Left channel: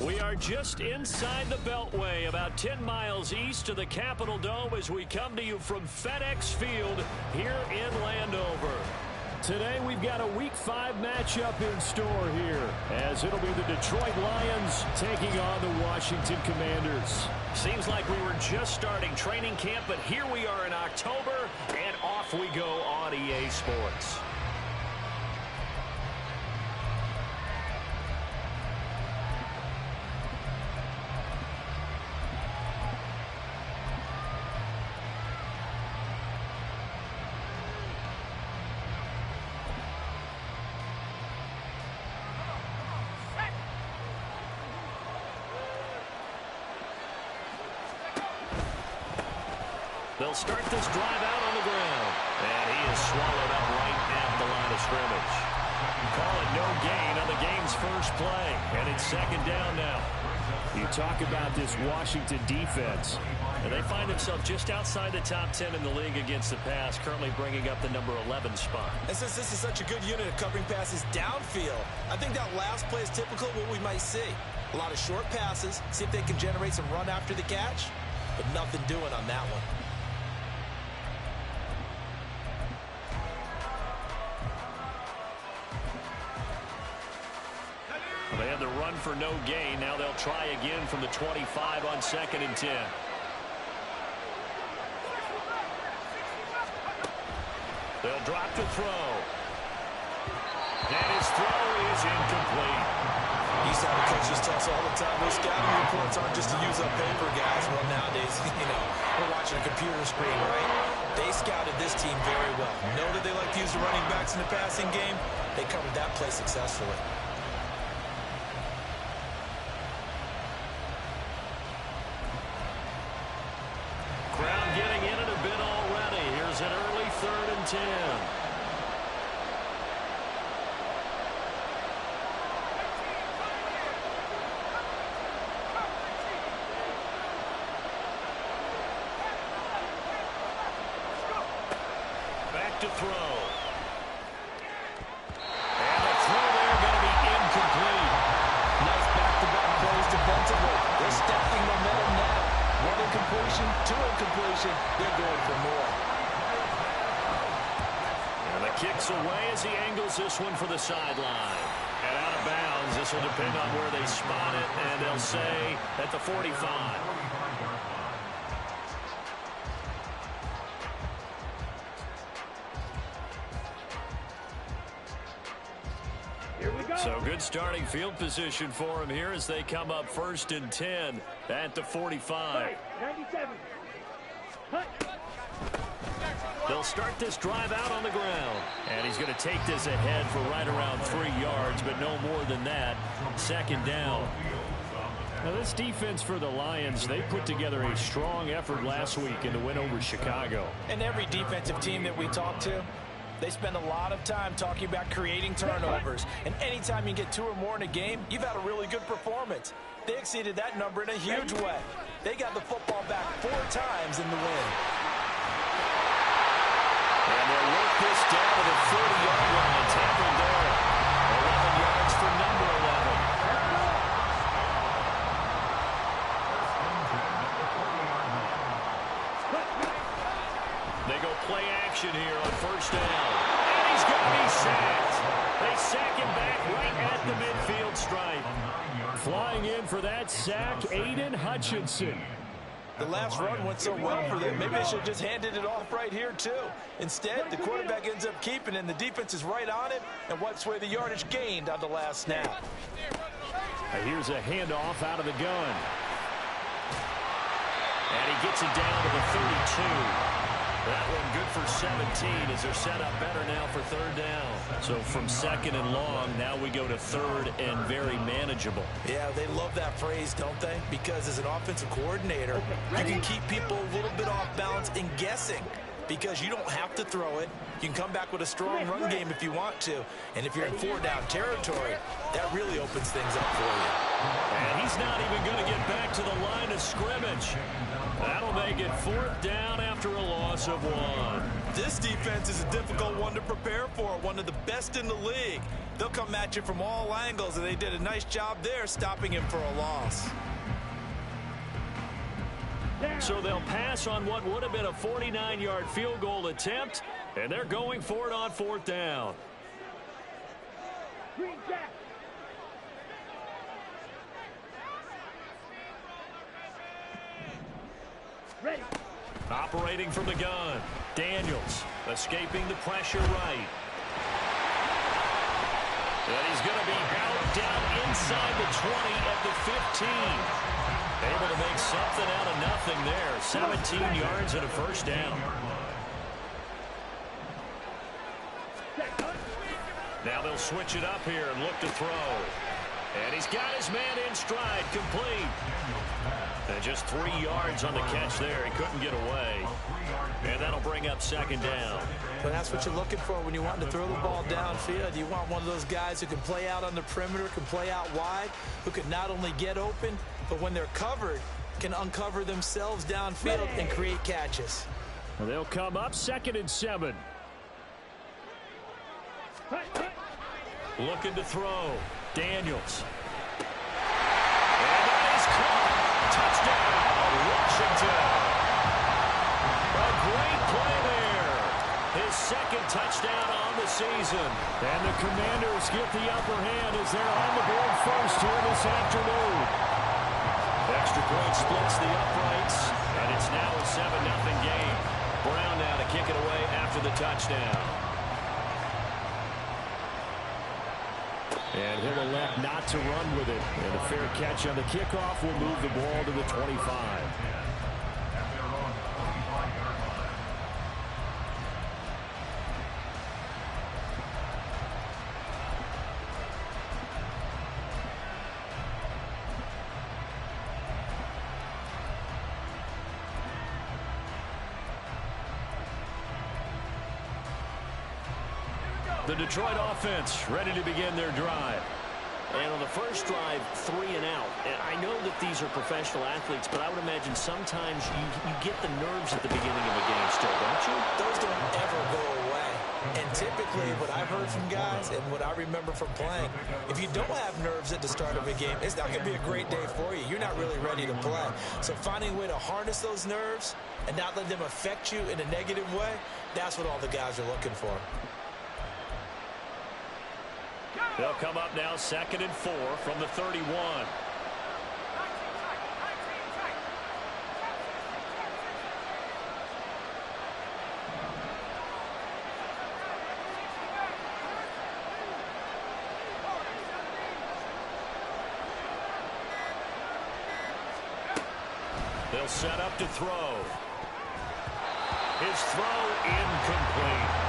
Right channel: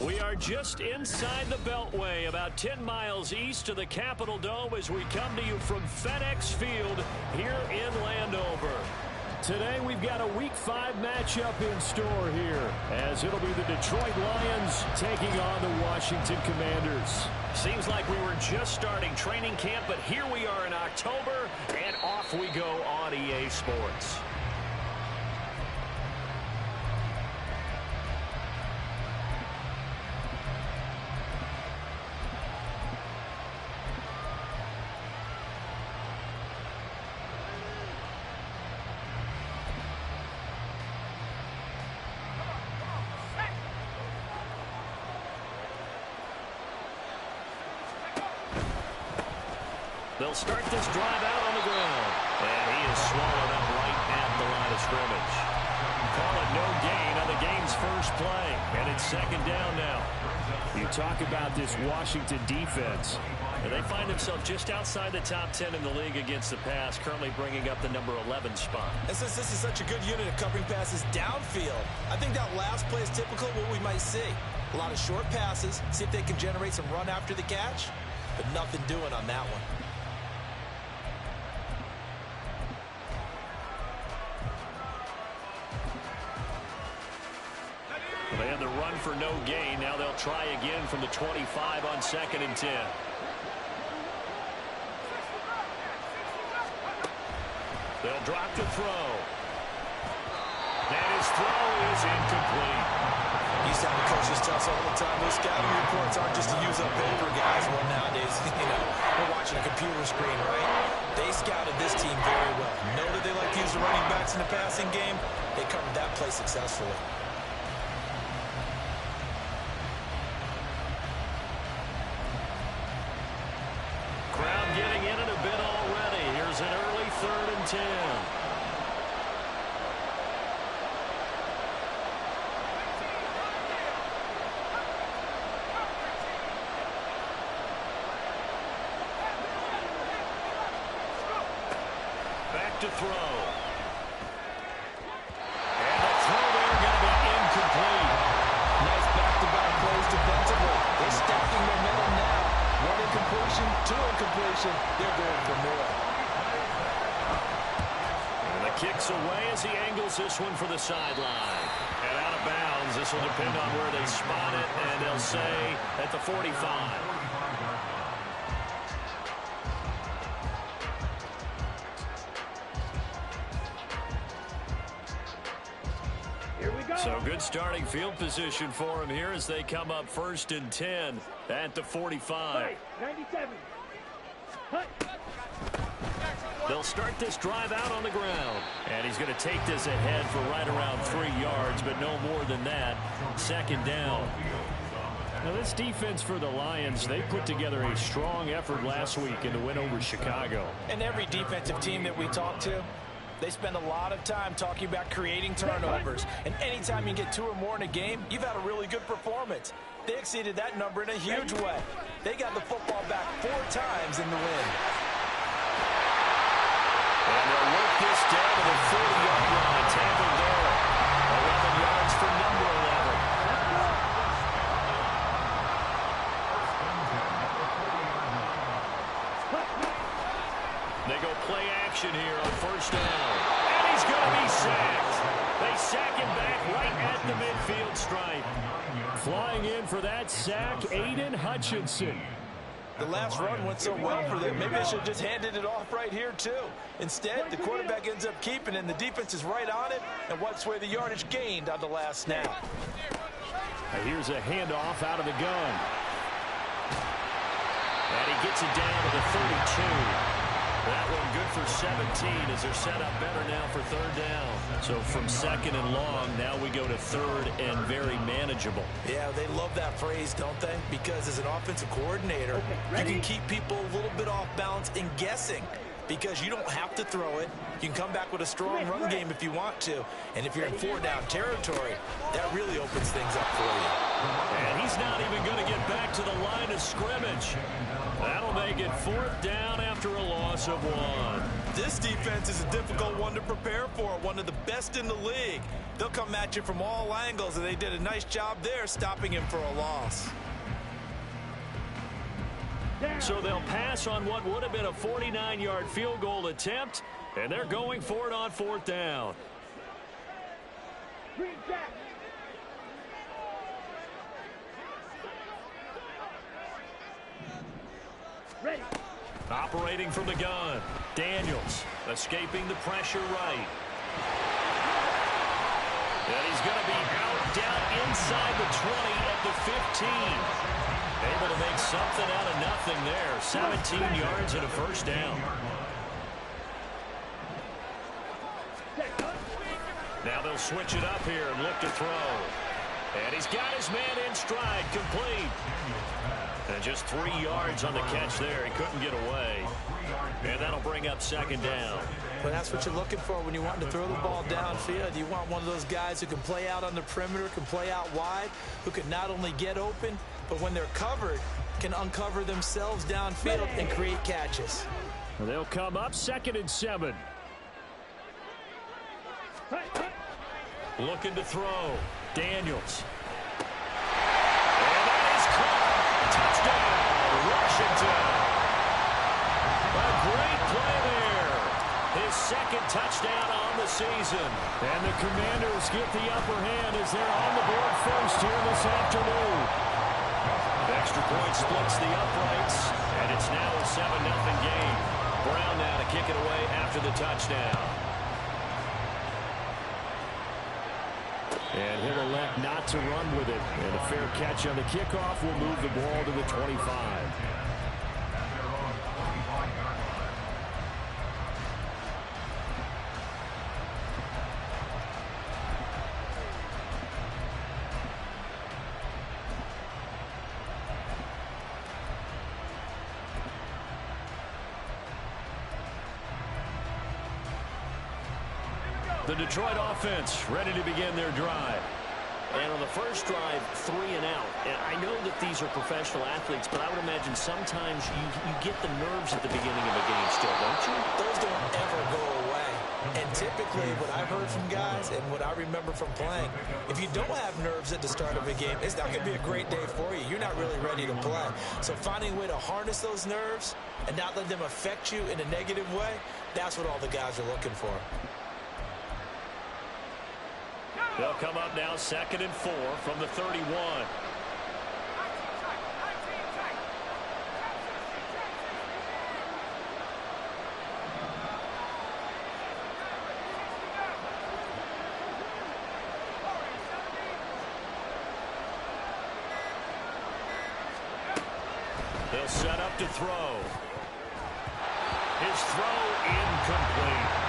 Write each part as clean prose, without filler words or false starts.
We are just inside the Beltway, about 10 miles east of the Capitol Dome as we come to you from FedEx Field here in Landover. Today we've got a Week 5 matchup in store here, as it'll be the Detroit Lions taking on the Washington Commanders. Seems like we were just starting training camp, but here we are in October, and off we go on EA Sports. They'll start this drive out on the ground. And he is swallowed up right at the line of scrimmage. Call it no gain on the game's first play. And it's second down now. You talk about this Washington defense. And they find themselves just outside the top 10 in the league against the pass, currently bringing up the number 11 spot. And since this is such a good unit of covering passes downfield, I think that last play is typical of what we might see. A lot of short passes, see if they can generate some run after the catch, but nothing doing on that one. They had the run for no gain. Now they'll try again from the 25 on 2nd and 10. They'll drop to throw. And his throw is incomplete. Used to have the coaches tell us all the time, those scouting reports aren't just to use up paper, guys. Well, nowadays, we're watching a computer screen, right? They scouted this team very well. Know that they like to use the running backs in the passing game. They covered that play successfully. Crowd getting in it a bit already. Here's an early 3rd and 10. Back to throw. And the throw there going to be incomplete. Nice back-to-back plays defensively. They're stacking momentum now. 1 incompletion, 2 incompletion. They're going for more. And the kick's away as he angles this one for the sideline. And out of bounds. This will depend on where they spot it, and they'll say at the 45. So good starting field position for him here as they come up 1st and 10 at the 45. 97. They'll start this drive out on the ground. And he's going to take this ahead for right around 3 yards, but no more than that. 2nd down. Now this defense for the Lions, they put together a strong effort last week in the win over Chicago. And every defensive team that we talk to, they spend a lot of time talking about creating turnovers. And anytime you get 2 or more in a game, you've had a really good performance. They exceeded that number in a huge way. They got the football back 4 times in the win. And they'll work this down to the 40-yard line. Tackled there. 11 yards for number 11. They go play action here on 1st down. And he's going to be sacked. They sack him back right at the midfield stripe. Flying in for that sack, Aiden Hutchinson. The last run went so well for them. Maybe they should have just handed it off right here, too. Instead, the quarterback ends up keeping it, and the defense is right on it and wipes away the yardage gained on the last snap. Here's a handoff out of the gun. And he gets it down to the 32. That one good for 17 as they're set up better now for 3rd down. So from 2nd and long, now we go to 3rd and very manageable. Yeah, they love that phrase, don't they? Because as an offensive coordinator, you can keep people a little bit off balance and guessing. because you don't have to throw it. You can come back with a strong run game if you want to. And if you're in 4-down territory, that really opens things up for you. And he's not even going to get back to the line of scrimmage. That'll make it 4th down after a loss of 1. This defense is a difficult one to prepare for, one of the best in the league. They'll come at you from all angles, and they did a nice job there stopping him for a loss. So they'll pass on what would have been a 49-yard field goal attempt, and they're going for it on 4th down. Ready. Operating from the gun. Daniels escaping the pressure right. And he's going to be out down inside the 20 at the 15. Able to make something out of nothing there. 17 yards and a 1st down. Now they'll switch it up here and look to throw. And he's got his man in stride, complete. And just 3 yards on the catch there. He couldn't get away. And that'll bring up 2nd down. Well, that's what you're looking for when you want to throw the ball downfield. You want one of those guys who can play out on the perimeter, can play out wide, who can not only get open, but when they're covered, can uncover themselves downfield and create catches. They'll come up 2nd and 7. Looking to throw. Daniels. And that is caught. Touchdown, Washington. A great play there. His 2nd touchdown on the season. And the Commanders get the upper hand as they're on the board first here this afternoon. Extra point splits the uprights, and it's now a 7-0 game. Brown now to kick it away after the touchdown. And he'll elect not to run with it. And a fair catch on the kickoff will move the ball to the 25. The Detroit offense ready to begin their drive. And on the first drive, 3 and out. And I know that these are professional athletes, but I would imagine sometimes you get the nerves at the beginning of a game still, don't you? Those don't ever go away. And typically what I've heard from guys and what I remember from playing, if you don't have nerves at the start of a game, it's not going to be a great day for you. You're not really ready to play. So finding a way to harness those nerves and not let them affect you in a negative way, that's what all the guys are looking for. They'll come up now 2nd and 4 from the 31. They'll set up to throw. His throw incomplete.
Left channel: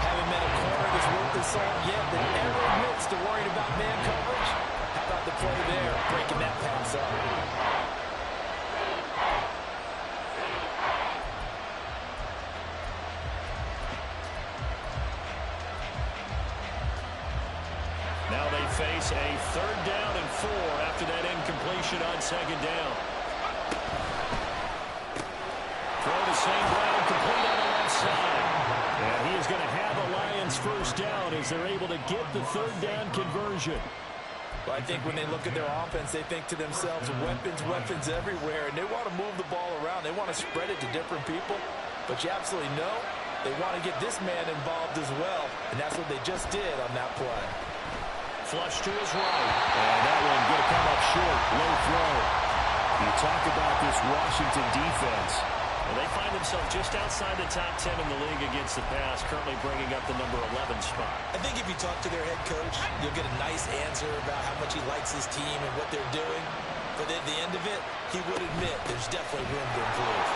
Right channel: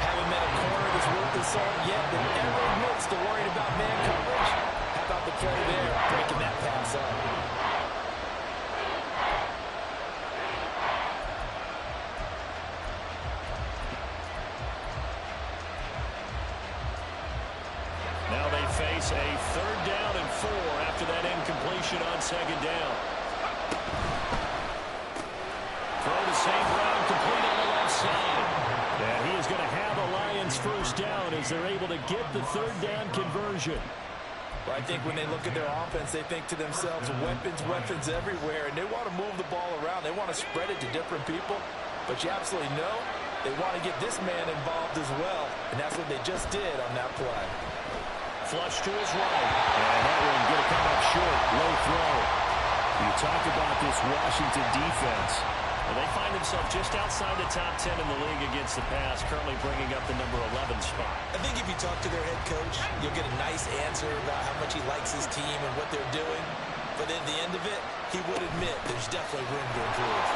Haven't met a corner that's worth the salt yet that ever admits to worrying about man coverage. How about the play there, breaking that pass up? Now they face a 3rd down and 4 after that incompletion on 2nd down. Throw to St. Brown, complete on the left side. And he is going to have a Lions 1st down as they're able to get the 3rd down conversion. Well, I think when they look at their offense, they think to themselves, weapons everywhere, and they want to move the ball around. They want to spread it to different people, but you absolutely know they want to get this man involved as well, and that's what they just did on that play. Flush to his right, and that one going to come up short, low throw. You talk about this Washington defense. Well, they find themselves just outside the top 10 in the league against the pass, currently bringing up the number 11 spot. I think if you talk to their head coach, you'll get a nice answer about how much he likes his team and what they're doing. But at the end of it, he would admit there's definitely room to improve.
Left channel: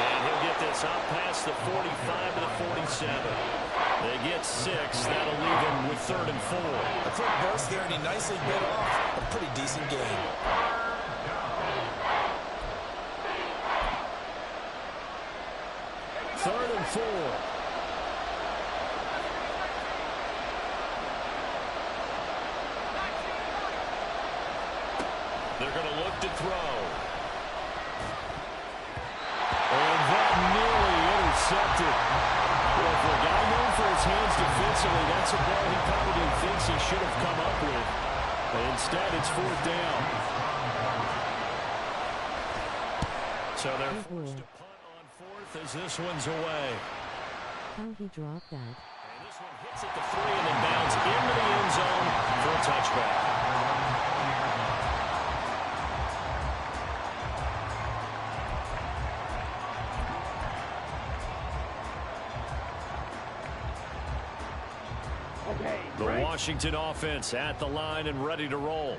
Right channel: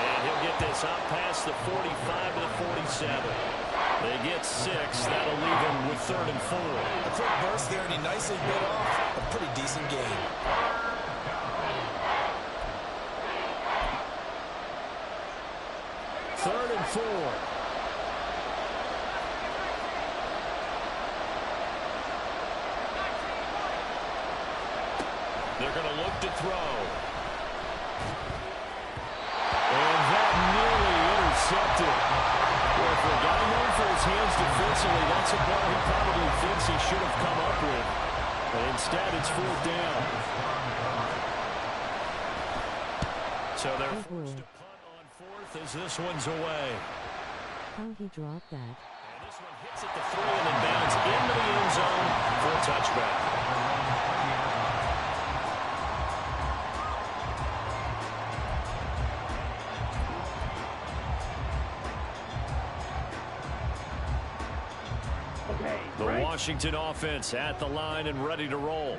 And he'll get this out past the 45 to the 47. They get 6. That'll leave him with 3rd and 4. A quick burst there, and he nicely bit off a pretty decent game. 4. They're going to look to throw. And that nearly intercepted. Well, for a guy known for his hands defensively, that's a ball he probably thinks he should have come up with. But instead, it's 4th down. So they're forced to punt on 4th as this one's away. How he dropped that. And this one hits at the 3 and then bounds into the end zone for a touchback. The Washington offense at the line and ready to roll.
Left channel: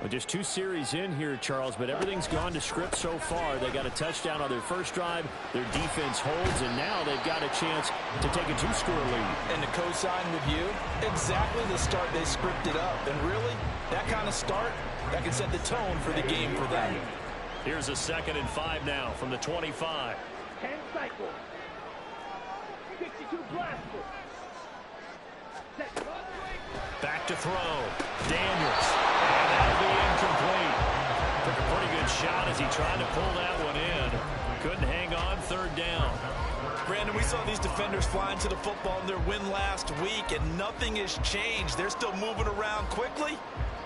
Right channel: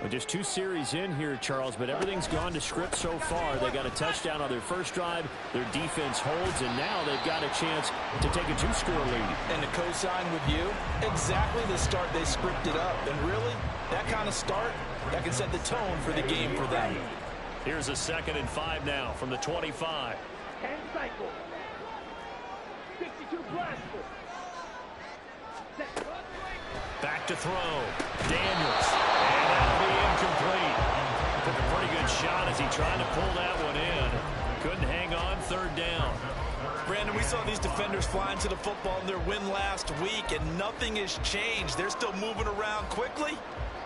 Well, just 2 series in here, Charles, but everything's gone to script so far. They got a touchdown on their first drive. Their defense holds, and now they've got a chance to take a 2-score lead. And to co-sign with you, exactly the start they scripted up. And really, that kind of start, that can set the tone for the game for them. Here's a 2nd and 5 now from the 25. 10 cycles. 62 blaster. Back to throw. Daniels. And that'll be incomplete. Took a pretty good shot as he tried to pull that one in. Couldn't hang on. 3rd down. Brandon, we saw these defenders flying to the football in their win last week, and nothing has changed. They're still moving around quickly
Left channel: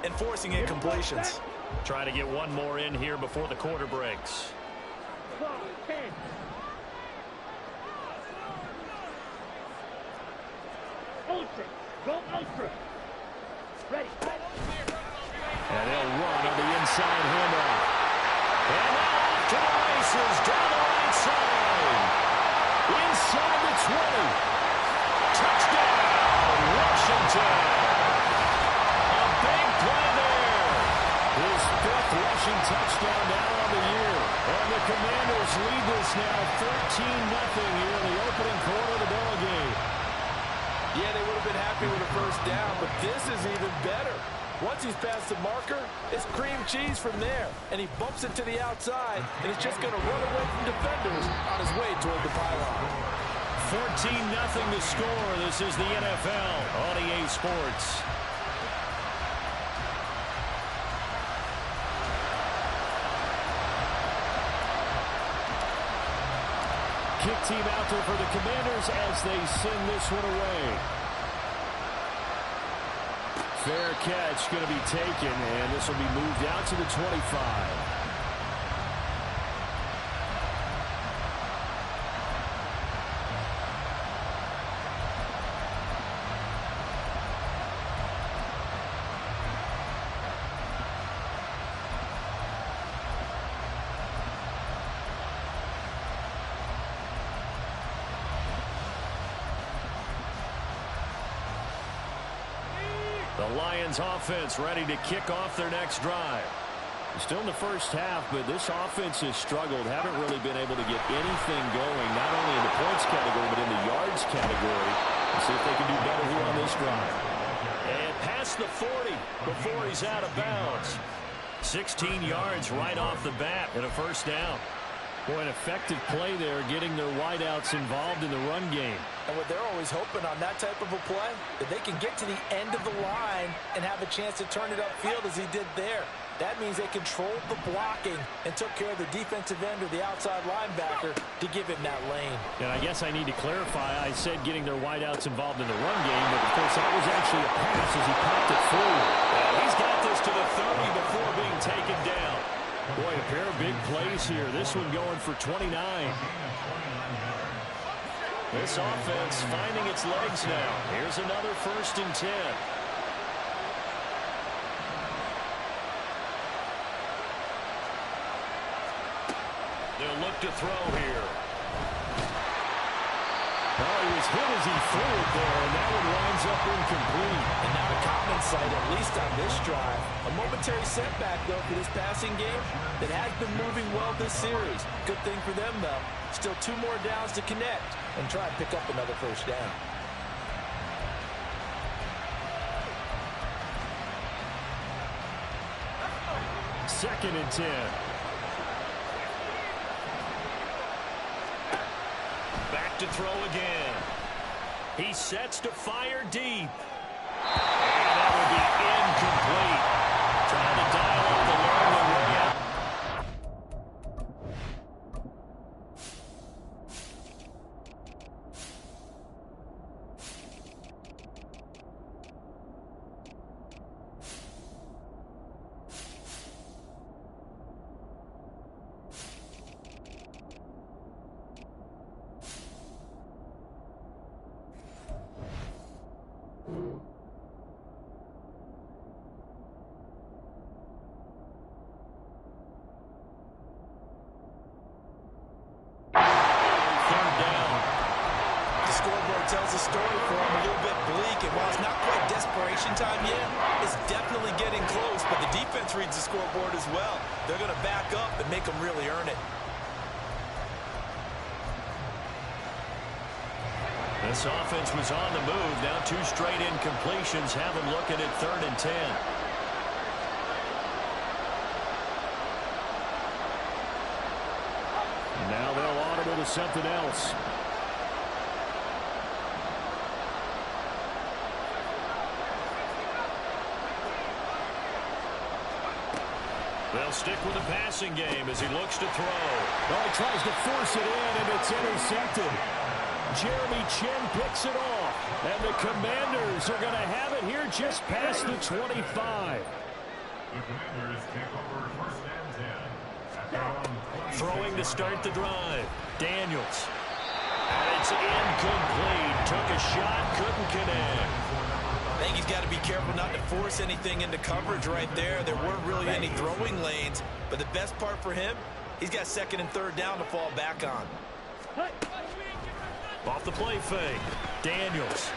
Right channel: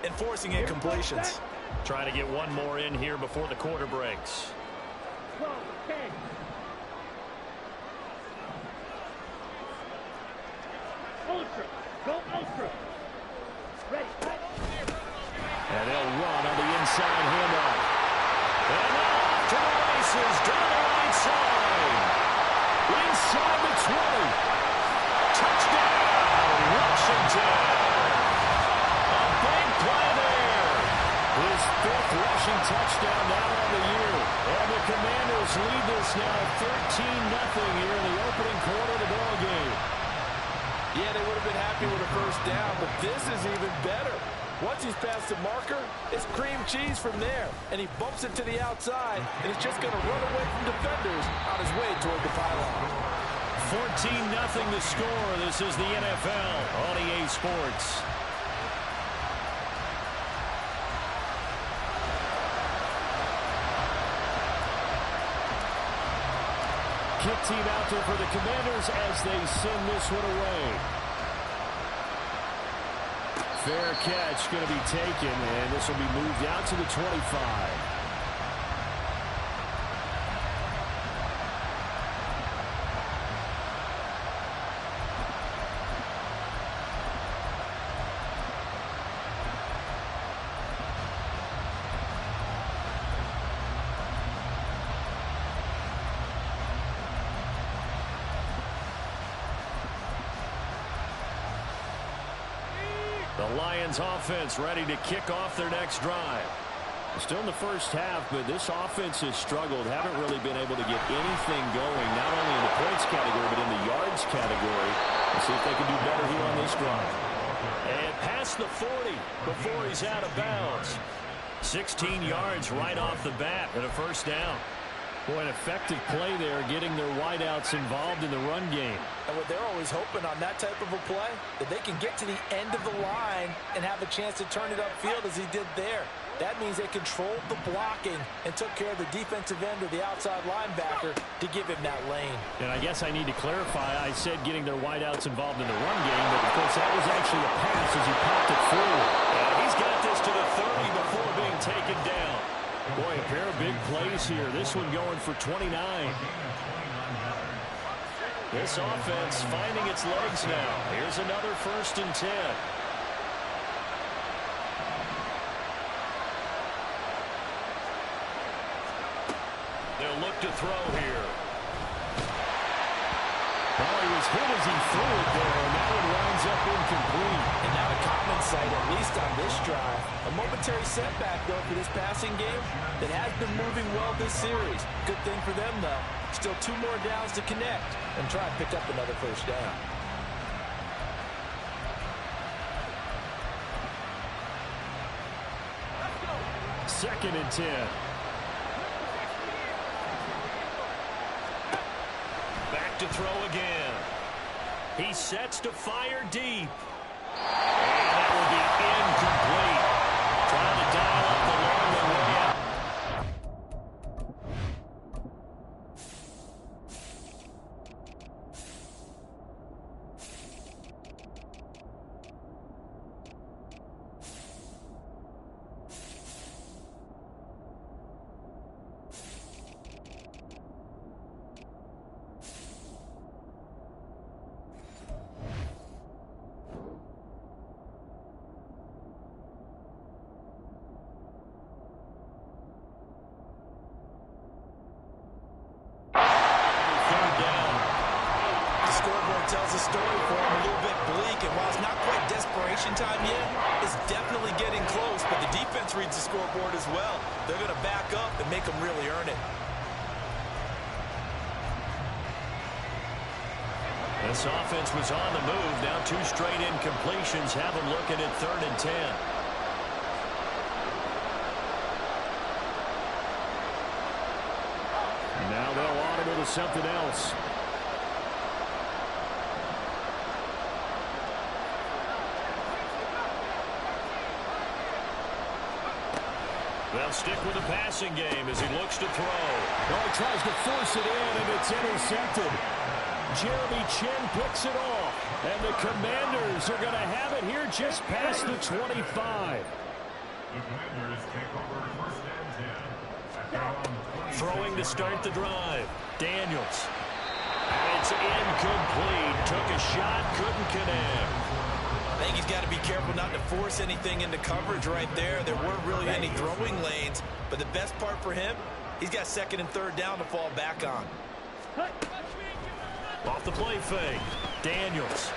and forcing incompletions. Trying to get one more in here before the quarter breaks. 12, 10. Ultra. Go ultra. Ready. And they'll run on the inside handoff. And now off to the races down the right side. Inside the 20. Touchdown, Washington. A big play there. His 5th rushing touchdown now on the year. And the Commanders lead this now 13-0 here in the opening quarter of the ball game. Yeah, they would have been happy with a first down, but this is even better. Once he's past the marker, it's cream cheese from there. And he bumps it to the outside, and it's just going to run away from defenders on his way toward the pylon. 14-0 the score. This is the NFL on EA Sports. Kick team out there for the Commanders as they send this one away. Fair catch going to be taken, and this will be moved out to the 25. The Lions offense ready to kick off their next drive. Still in the first half, but this offense has struggled. Haven't really been able to get anything going, not only in the points category, but in the yards category. We'll see if they can do better here on this drive. And past the 40 before he's out of bounds. 16 yards right off the bat and a first down. Boy, an effective play there, getting their wideouts involved in the run game. And what they're always hoping on that type of a play, that they can get to the end of the line and have a chance to turn it upfield as he did there. That means they controlled the blocking and took care of the defensive end or the outside linebacker to give him that lane. And I guess I need to clarify, I said getting their wideouts involved in the run game, but of course that was actually a pass as he popped it forward. Yeah, he's got this to the 30 before being taken down. Boy, a pair of big plays here. This one going for 29. This offense finding its legs now. Here's another 1st and 10. They'll look to throw here. Well, he was hit as he threw it there, and that one winds up incomplete. And not a common sight, at least on this drive. A momentary setback, though, for this passing game that has been moving well this series. Good thing for them, though. Still 2 more downs to connect and try and pick up another first down. Second and 10. Back to throw again. He sets to fire deep. And that will be incomplete. Trying to dial up the long way out. Tells a story for him, a little bit bleak, and while it's not quite desperation time yet, it's definitely getting close, but the defense reads the scoreboard as well. They're going to back up and make them really earn it. This offense was on the move. Now 2 straight incompletions have them looking at 3rd and 10. Now they'll audible to something else. They'll stick with the passing game as he looks to throw. Oh, he tries to force it in, and it's intercepted. Jeremy Chin picks it off. And the Commanders are going to have it here just past the 25. The Commanders take over 1st and 10. At their own 20. Throwing to start the drive. Daniels. And it's incomplete. Took a shot, couldn't connect. I think he's got to be careful not to force anything into coverage right there. There weren't really any throwing lanes, but the best part for him, he's got 2nd and 3rd down to fall back on. Off the play fake, Daniels.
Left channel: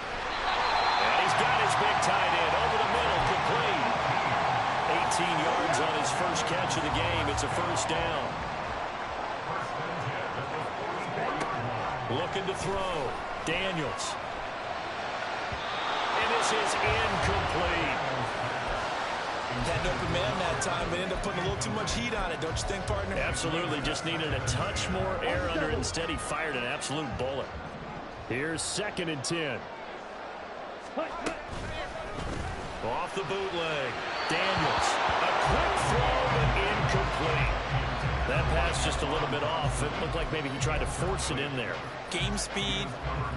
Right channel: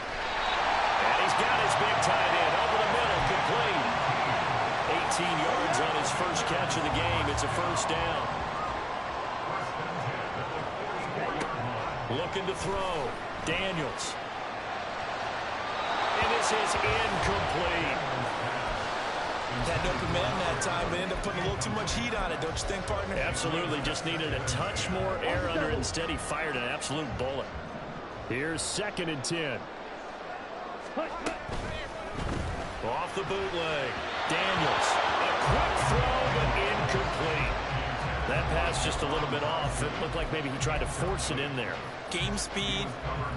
And he's got his big tight end over the middle, complete. 18 yards on his first catch of the game. It's a 1st down. Looking to throw, Daniels. And this is incomplete. Had an open man that time, but ended up putting a little too much heat on it, don't you think, partner? Absolutely, just needed a touch more air under it. Instead, he fired an absolute bullet. Here's 2nd and 10. Off the bootleg, Daniels. A quick throw, but incomplete. That pass just a little bit off. It looked like maybe he tried to force it in there. Game speed,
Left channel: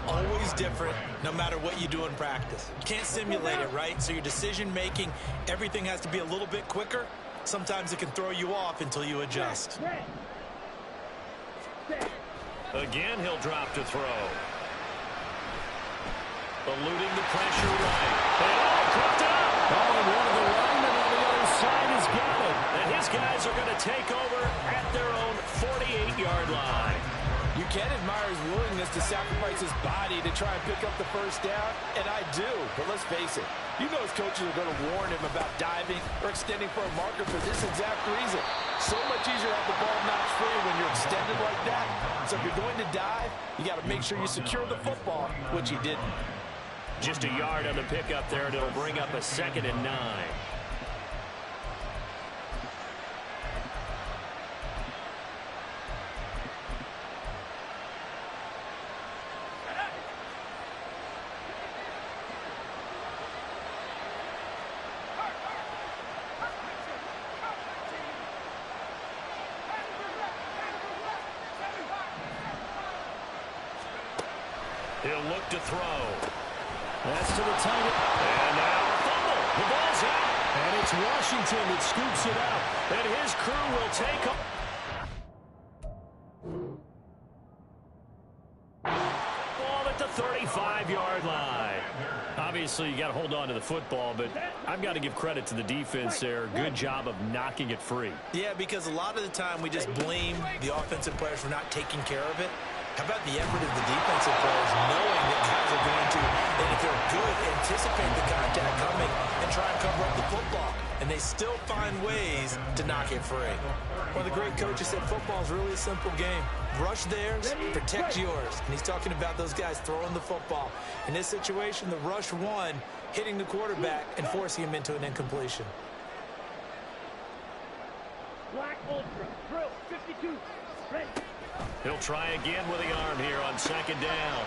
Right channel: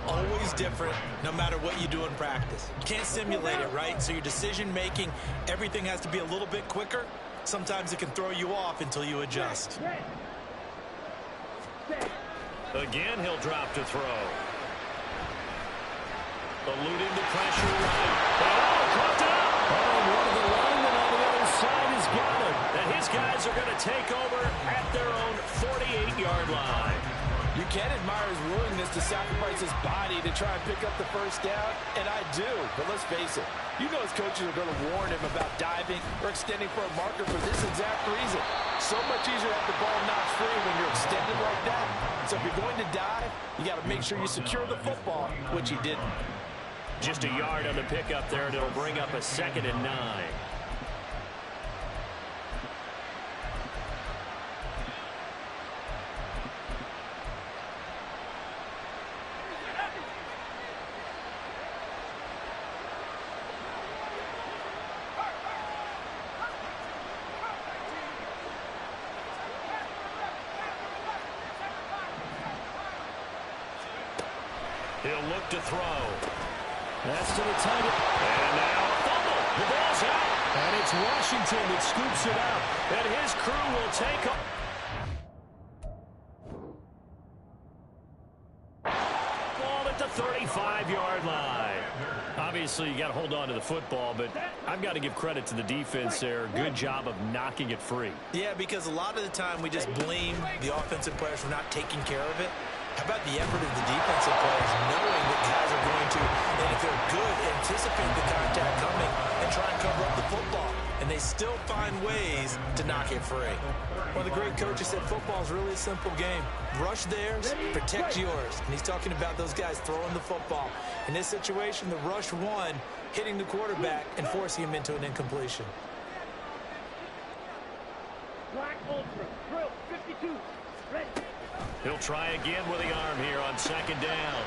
always different, no matter what you do in practice. You can't simulate it, right? So your decision-making, everything has to be a little bit quicker. Sometimes it can throw you off until you adjust. Again, he'll drop to throw. Eluding the pressure right. And coughed it up. Oh, one of the linemen on the other side has got it. And his guys are going to take over at their own 48-yard line. You can admire his willingness to sacrifice his body to try and pick up the 1st down, and I do. But let's face it, you know his coaches are going to warn him about diving or extending for a marker for this exact reason. So much easier to have the ball notch free when you're extended like that. So if you're going to dive, you got to make sure you secure the football, which he didn't. Just a yard on the pickup there, and it'll bring up a 2nd and 9. He'll look to throw. That's to the tight end. And now a fumble. The ball's out. And it's Washington that scoops it up. And his crew will take up. Ball at the 35-yard line. Obviously, you got to hold on to the football, but I've got to give credit to the defense there. Good job of knocking it free. Yeah, because a lot of the time we just blame the offensive players for not taking care of it. How about the effort of the defensive players knowing that guys are going to, and if they're good, anticipate the contact coming and try and cover up the football. And they still find ways to knock it free. One of the great coaches said football is really a simple game. Rush theirs, protect yours. And he's talking about those guys throwing the football. In this situation, the rush won, hitting the quarterback and forcing him into an incompletion. Black Ultra, drill, 52, ready. He'll try again with the arm here on second down.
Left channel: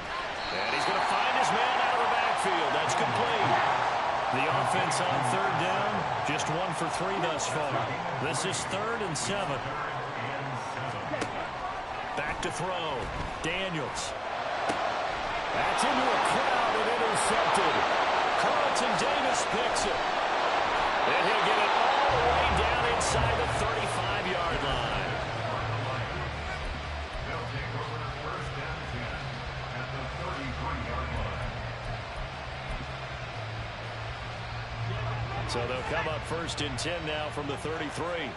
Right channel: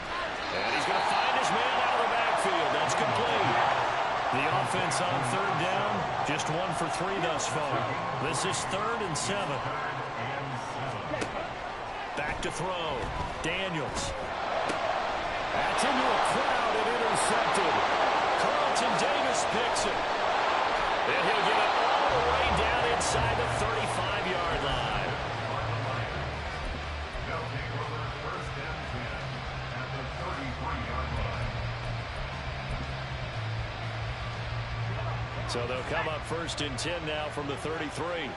And he's going to find his man out of the backfield. That's complete. The offense on third down, just 1 for 3 thus far. This is 3rd and 7. Back to throw. Daniels. That's into a crowd and intercepted. Carlton Davis picks it. And he'll get it all the way down inside the 35-yard line. They'll take over 1st and 10 at the 33-yard line. So they'll come up 1st and 10 now from the 33.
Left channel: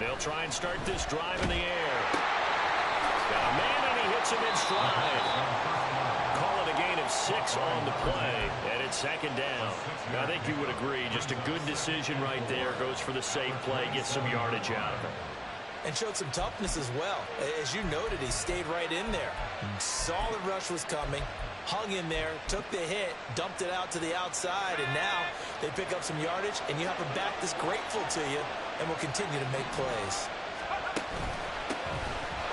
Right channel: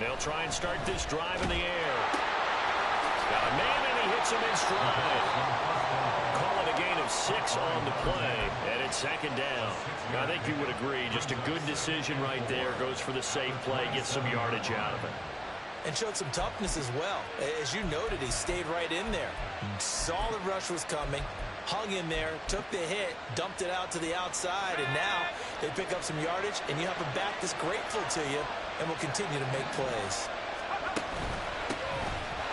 They'll try and start this drive in the air. He's got a man, and he hits him in stride. Call it a gain of 6 on the play, and it's 2nd down. Now, I think you would agree, just a good decision right there. Goes for the safe play, gets some yardage out of it. And showed some toughness as well. As you noted, he stayed right in there. Saw the rush was coming, hung in there, took the hit, dumped it out to the outside, and now they pick up some yardage, and you have a back that's grateful to you and will continue to make plays.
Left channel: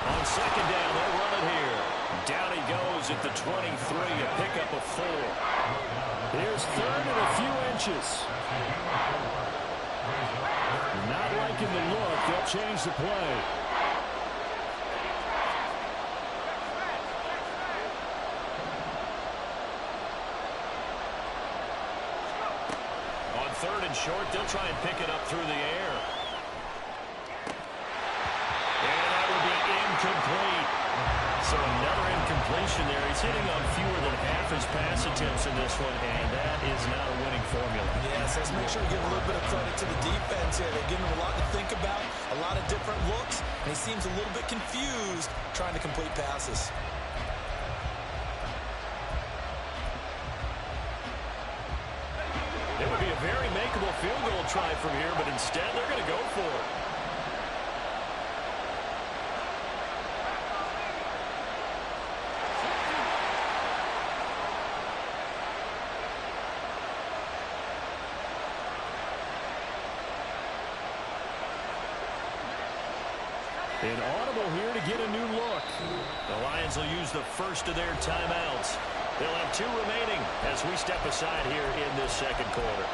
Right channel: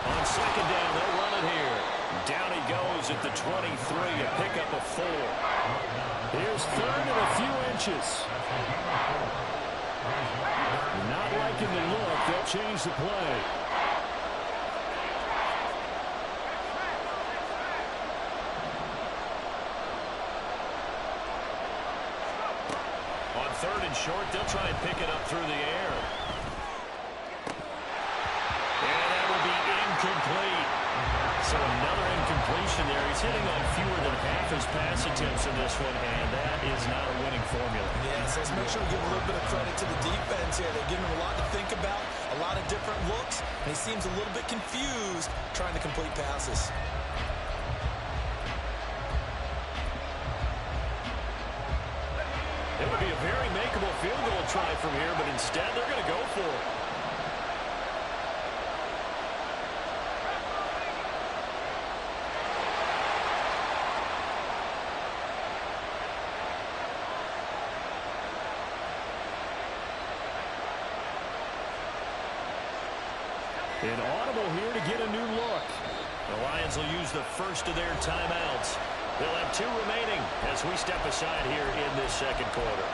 On 2nd down, they'll run it here. Down he goes at the 23, a pickup of 4. Here's 3rd and a few inches. Not liking the look. They'll change the play. On 3rd and short, they'll try and pick it up through the air. And that will be incomplete. So another incompletion there. He's hitting on fewer than half his pass attempts in this one, and that is not a winning formula. Yes, let's make sure we give a little bit of credit to the defense here. They're giving him a lot to think about, a lot of different looks, and he seems a little bit confused trying to complete passes. It would be a very makeable field goal try from here, but instead they're going to go for it. An audible here to get a new look. The Lions will use the first of their timeouts. They'll have 2 remaining as we step aside here in this 2nd quarter.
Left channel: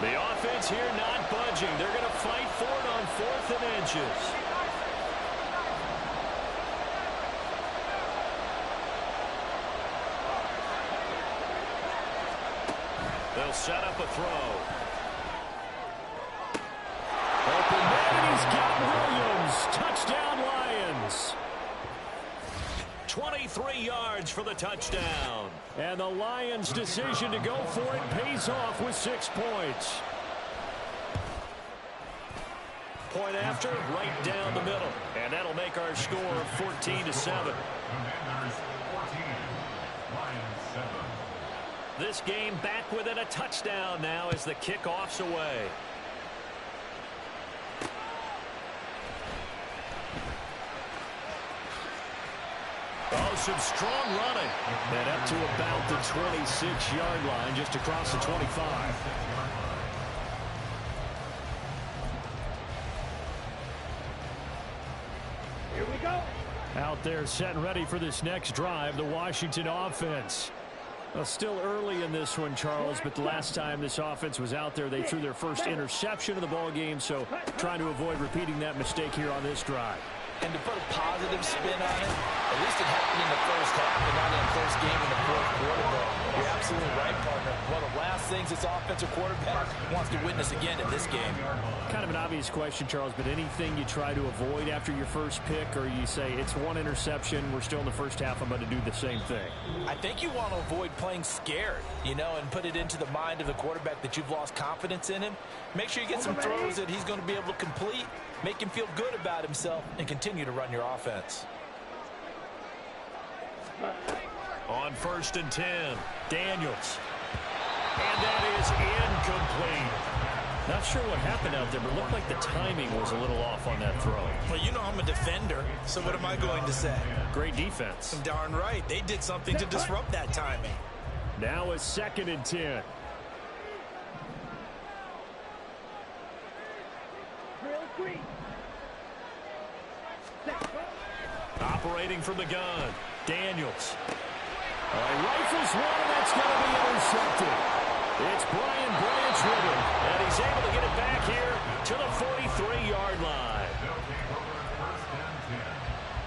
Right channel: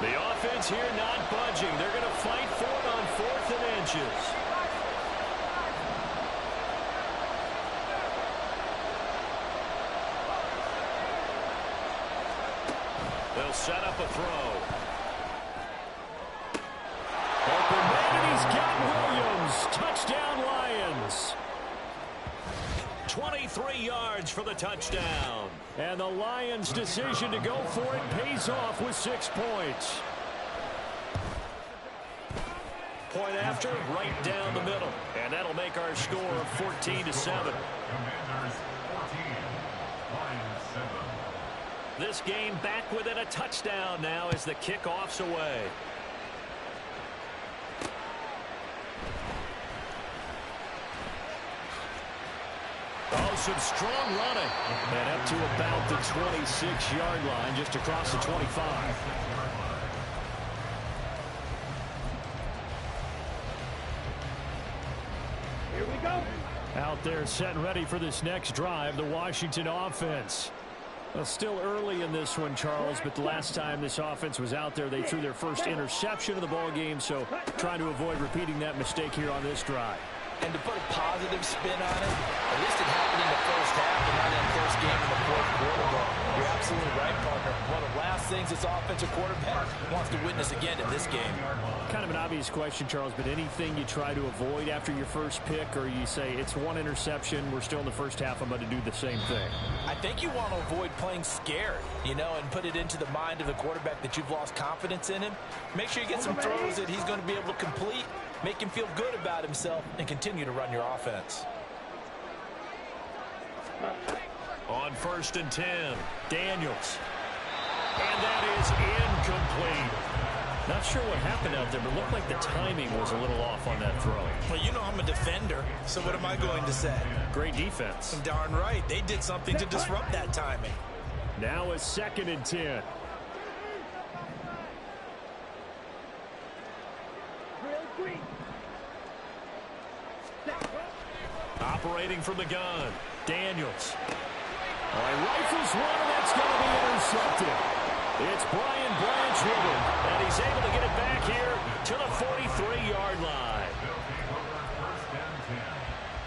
The offense here not budging. They're going to fight for it on 4th and inches. They'll set up a throw. Open man, and he's got Williams. Touchdown, Lions. 23 yards for the touchdown. And the Lions' decision to go for it pays off with 6 points. Point after, right down the middle. And that'll make our score of 14-7. Commanders 14, Lions 7. This game back within a touchdown now as the kickoff's away. Oh, some strong running. And up to about the 26-yard line, just across the 25. Here we go. Out there set and ready for this next drive, the Washington offense. Well, still early in this one, Charles, but the last time this offense was out there, they threw their first interception of the ball game, so trying to avoid repeating that mistake here on this drive. And to put a positive spin on it, at least it happened in the first half and not in a close game in the 4th quarter. But you're absolutely right, partner. One of the last things this offensive quarterback wants to witness again in this game. Kind of an obvious question, Charles, but anything you try to avoid after your first pick, or you say it's 1 interception, we're still in the first half, I'm going to do the same thing? I think you want to avoid playing scared, you know, and put it into the mind of the quarterback that you've lost confidence in him. Make sure you get some throws that he's going to be able to complete, make him feel good about himself, and continue to run your offense. On 1st and 10, Daniels. And that is incomplete. Not sure what happened out there, but it looked like the timing was a little off on that throw. Well, you know I'm a defender, so what am I going to say? Great defense. Darn right. They did something to disrupt that timing. Now a 2nd and 10. Drill green. Operating from the gun, Daniels. Oh, he rifles one, and that's going to be intercepted. It's Brian Branch with him, and he's able to get it back here to the 43-yard line. They'll take over 1st and 10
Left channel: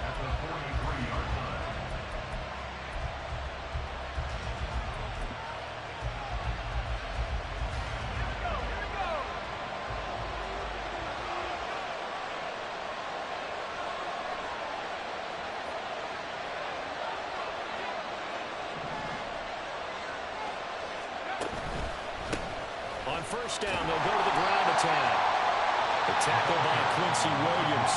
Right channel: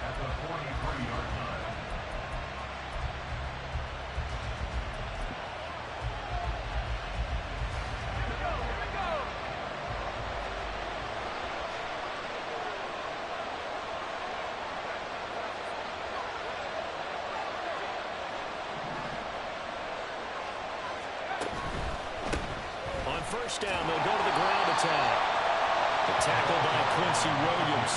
at the 43-yard line. Here we go. On 1st down, they'll go to the ground attack. The tackle by Quincy Williams.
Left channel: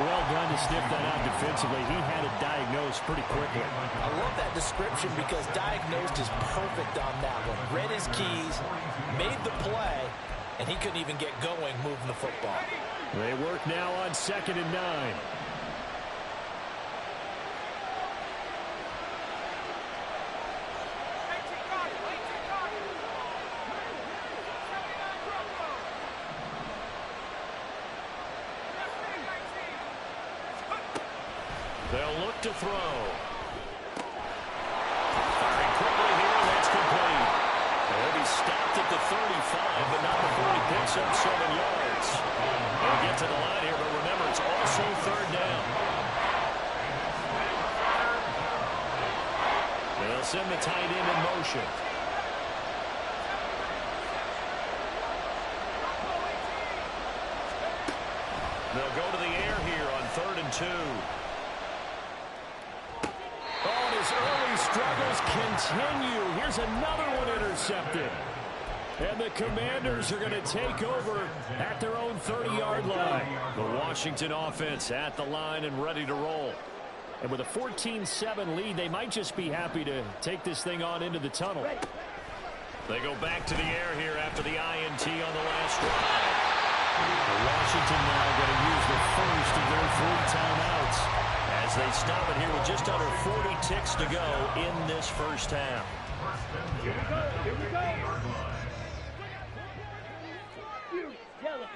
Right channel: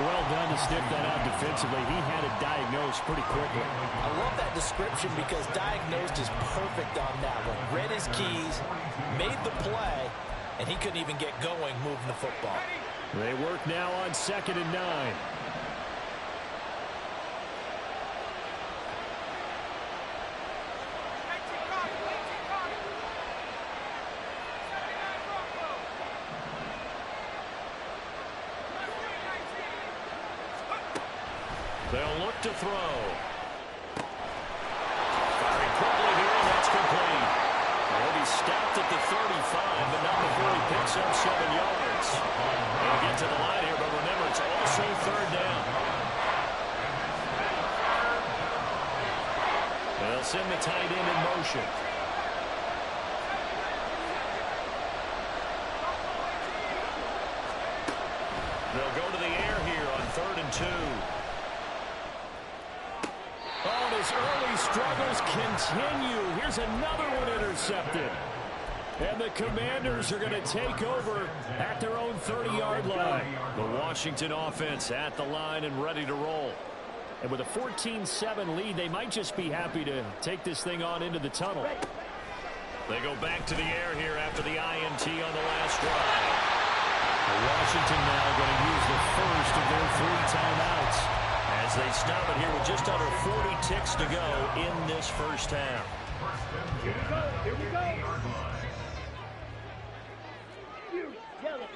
Well done to sniff that out defensively. He had it diagnosed pretty quickly. I love that description because diagnosed is perfect on that one. Read his keys, made the play, and he couldn't even get going moving the football. They work now on 2nd and 9. They'll look to throw. Firing quickly here, and that's complete. He'll be stopped at the 35, but not before he picks up 7 yards. They'll get to the line here, but remember, it's also 3rd down. They'll send the tight end in motion. They'll go to the air here on 3rd and 2. Oh, and his early struggles continue. Here's another one intercepted. And the Commanders are going to take over at their own 30-yard line. The Washington offense at the line and ready to roll. And with a 14-7 lead, they might just be happy to take this thing on into the tunnel. They go back to the air here after the INT on the last drive. Washington now going to use the first of their 3 timeouts as they stop it here with just under 40 ticks to go in this 1st half. Here we go. Here we go. Fury, yellow.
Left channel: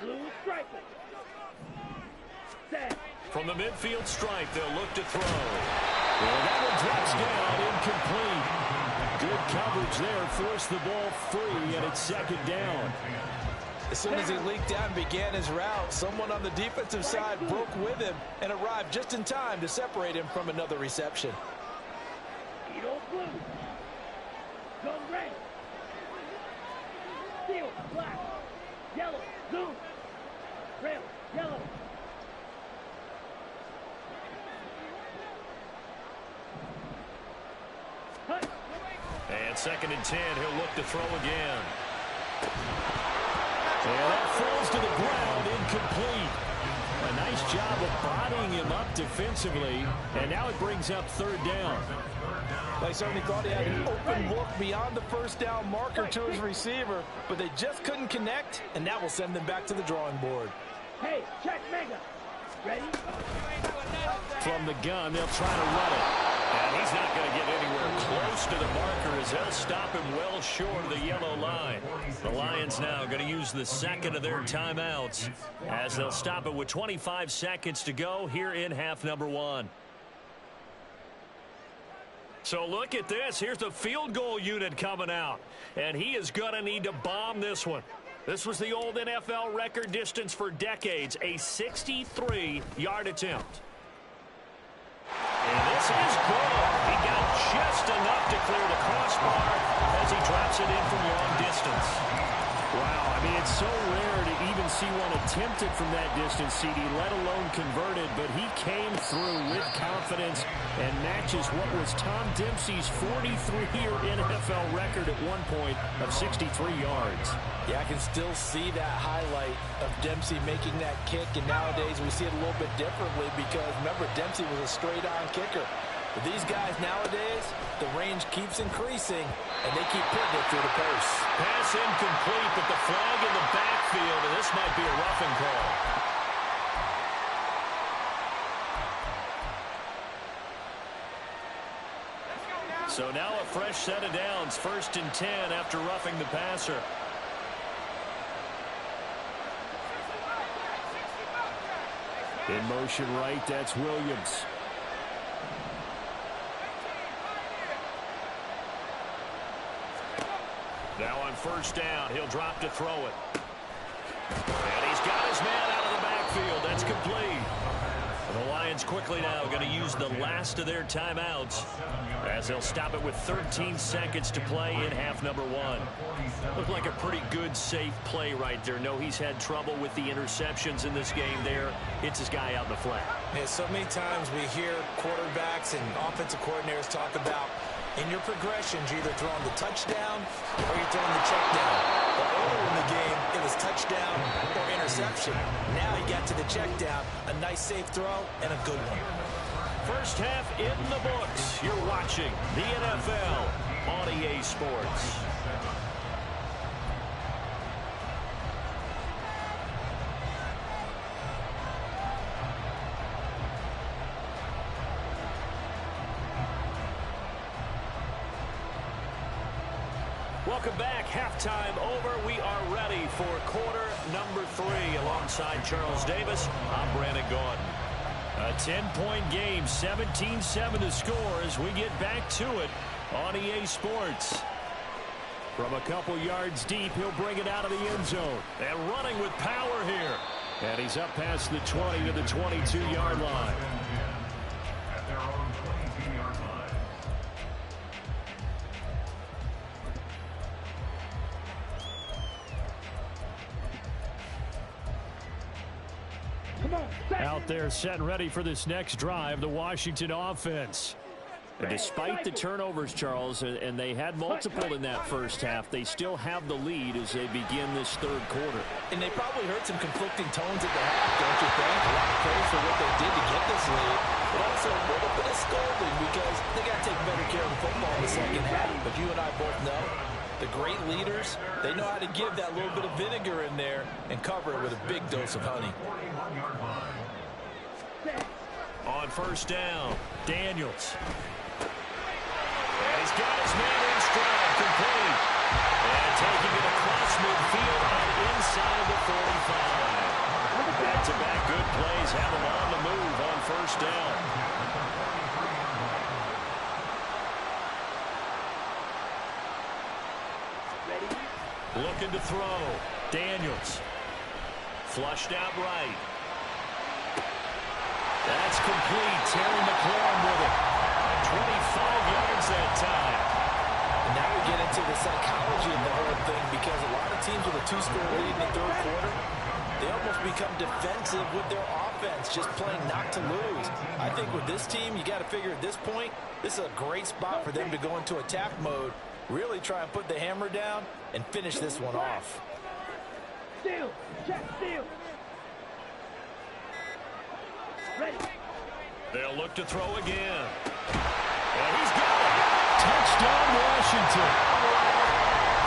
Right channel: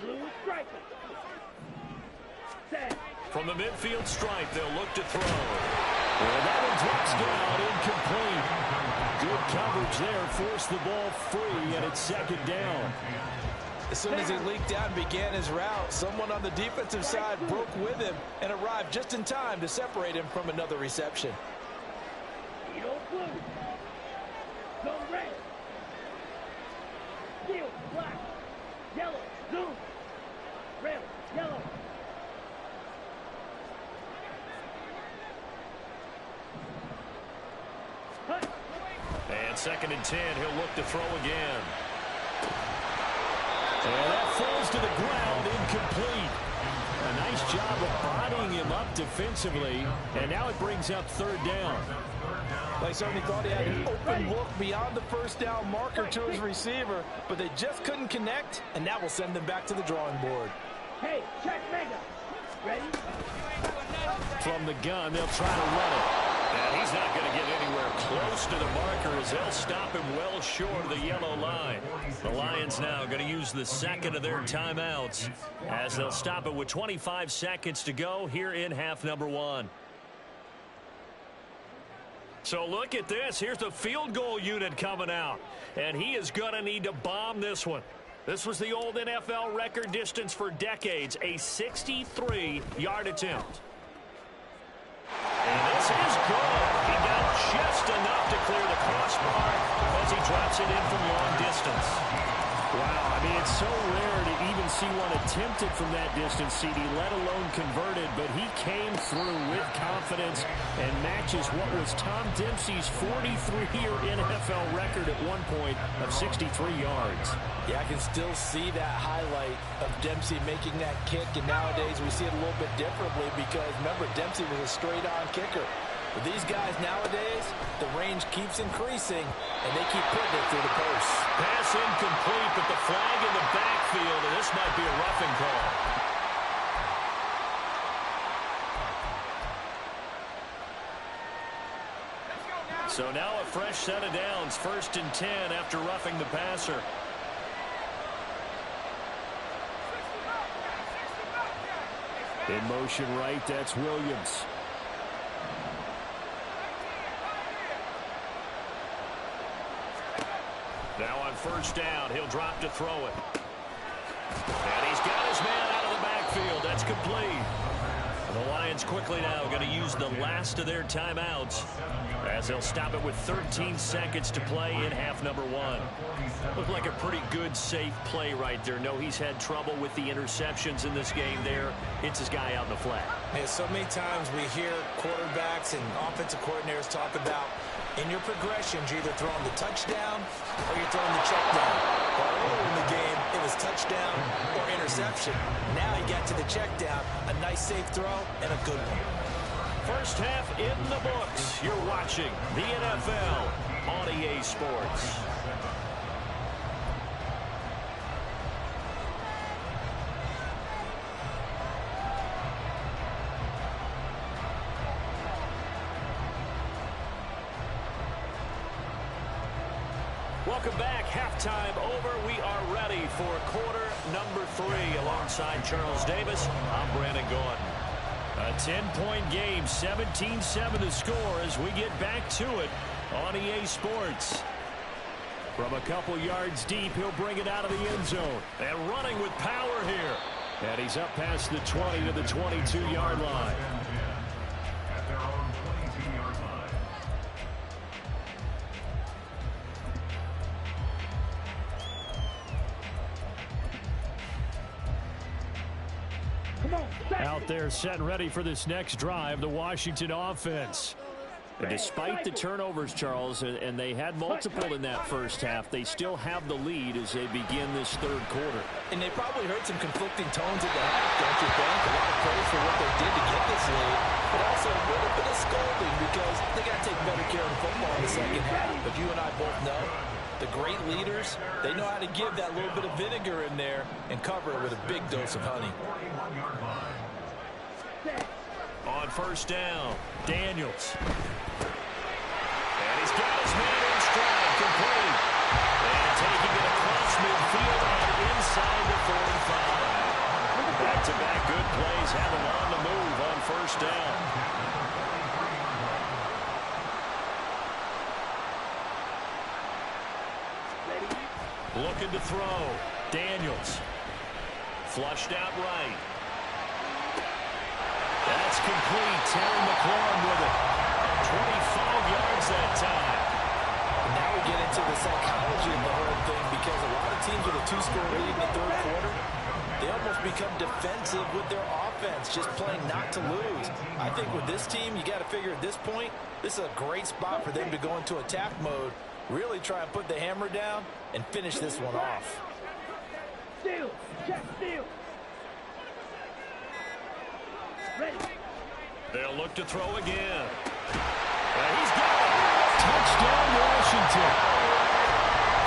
Blue striping. Set. From the midfield stripe, they'll look to throw. And that one drops down, incomplete. Good coverage there, forced the ball free, and it's 2nd down. As soon as he leaked out and began his route, someone on the defensive side broke with him and arrived just in time to separate him from another reception. Edo blue. Zone red. Steel black. Yellow. Zoom. Rail. Yellow. Hut. And 2nd and 10, he'll look to throw again. And that falls to the ground, incomplete. A nice job of bodying him up defensively, and now it brings up 3rd down. They certainly thought he had an open look beyond the 1st down marker to his receiver, but they just couldn't connect, and that will send them back to the drawing board. Hey, check mega. Ready? From the gun, they'll try to run it. And he's not going to get anywhere close to the marker as they'll stop him well short of the yellow line. The Lions now going to use the 2nd of their timeouts as they'll stop it with 25 seconds to go here in half number 1. So look at this. Here's the field goal unit coming out. And he is going to need to bomb this one. This was the old NFL record distance for decades, a 63-yard attempt. And this is good. He got just enough to clear the crossbar as he drops it in from long distance. Wow, I mean, it's so rare to even see one attempted from that distance, CD, let alone converted, but he came through with confidence and matches what was Tom Dempsey's 43-year NFL record at one point of 63 yards. Yeah, I can still see that highlight of Dempsey making that kick, and nowadays we see it a little bit differently because, remember, Dempsey was a straight-on kicker. But these guys nowadays, the range keeps increasing, and they keep putting it through the posts. Pass incomplete, but the flag in the backfield, and this might be a roughing call. So now a fresh set of downs, 1st and 10 after roughing the passer. In motion right, that's Williams. Now on 1st down, he'll drop to throw it. And he's got his man out of the backfield. That's complete. The Lions quickly now going to use the last of their timeouts as they'll stop it with 13 seconds to play in half number 1. Looked like a pretty good, safe play right there. No, he's had trouble with the interceptions in this game there. Hits his guy out in the flat. Yeah, so many times we hear quarterbacks and offensive coordinators talk about in your progressions, you're either throwing the touchdown or you're throwing the check down. Well, earlier in the game, it was touchdown or interception. Now he got to the check down, a nice safe throw, and a good one. First half in the books. You're watching the NFL on EA Sports. Welcome back. Halftime over. We are ready for quarter number 3. Alongside Charles Davis, I'm Brandon Gaudin. A 10-point game, 17-7 the score as we get back to it on EA Sports. From a couple yards deep, he'll bring it out of the end zone. And running with power here. And he's up past the 20 to the 22-yard line. At their own 22-yard line. Out there set and ready for this next drive, the Washington offense. And despite the turnovers, Charles, and they had multiple in that first half, they still have the lead as they begin this third quarter. And they probably heard some conflicting tones at the half, don't you think? A lot of praise for what they did to get this lead, but also a little bit of scolding because they got to take better care of the football in the second half. But you and I both know the great leaders, they know how to give that little bit of vinegar in there and cover it with a big dose of honey. On 1st down, Daniels. And he's got his man in stride, complete. And taking it across midfield and inside the 45. Back-to-back good plays have him on the move on 1st down. Looking to throw. Daniels. Flushed out right. That's complete. Terry McLaurin with it. 25 yards that time. And now we get into the psychology of the whole thing because a lot of teams with a 2-score lead in the third quarter, they almost become defensive with their offense, just playing not to lose. I think with this team, you got to figure at this point, this is a great spot for them to go into attack mode, really try and put the hammer down and finish this one off. Steal! Check steal! Ready. They'll look to throw again. And he's got it. Touchdown, Washington.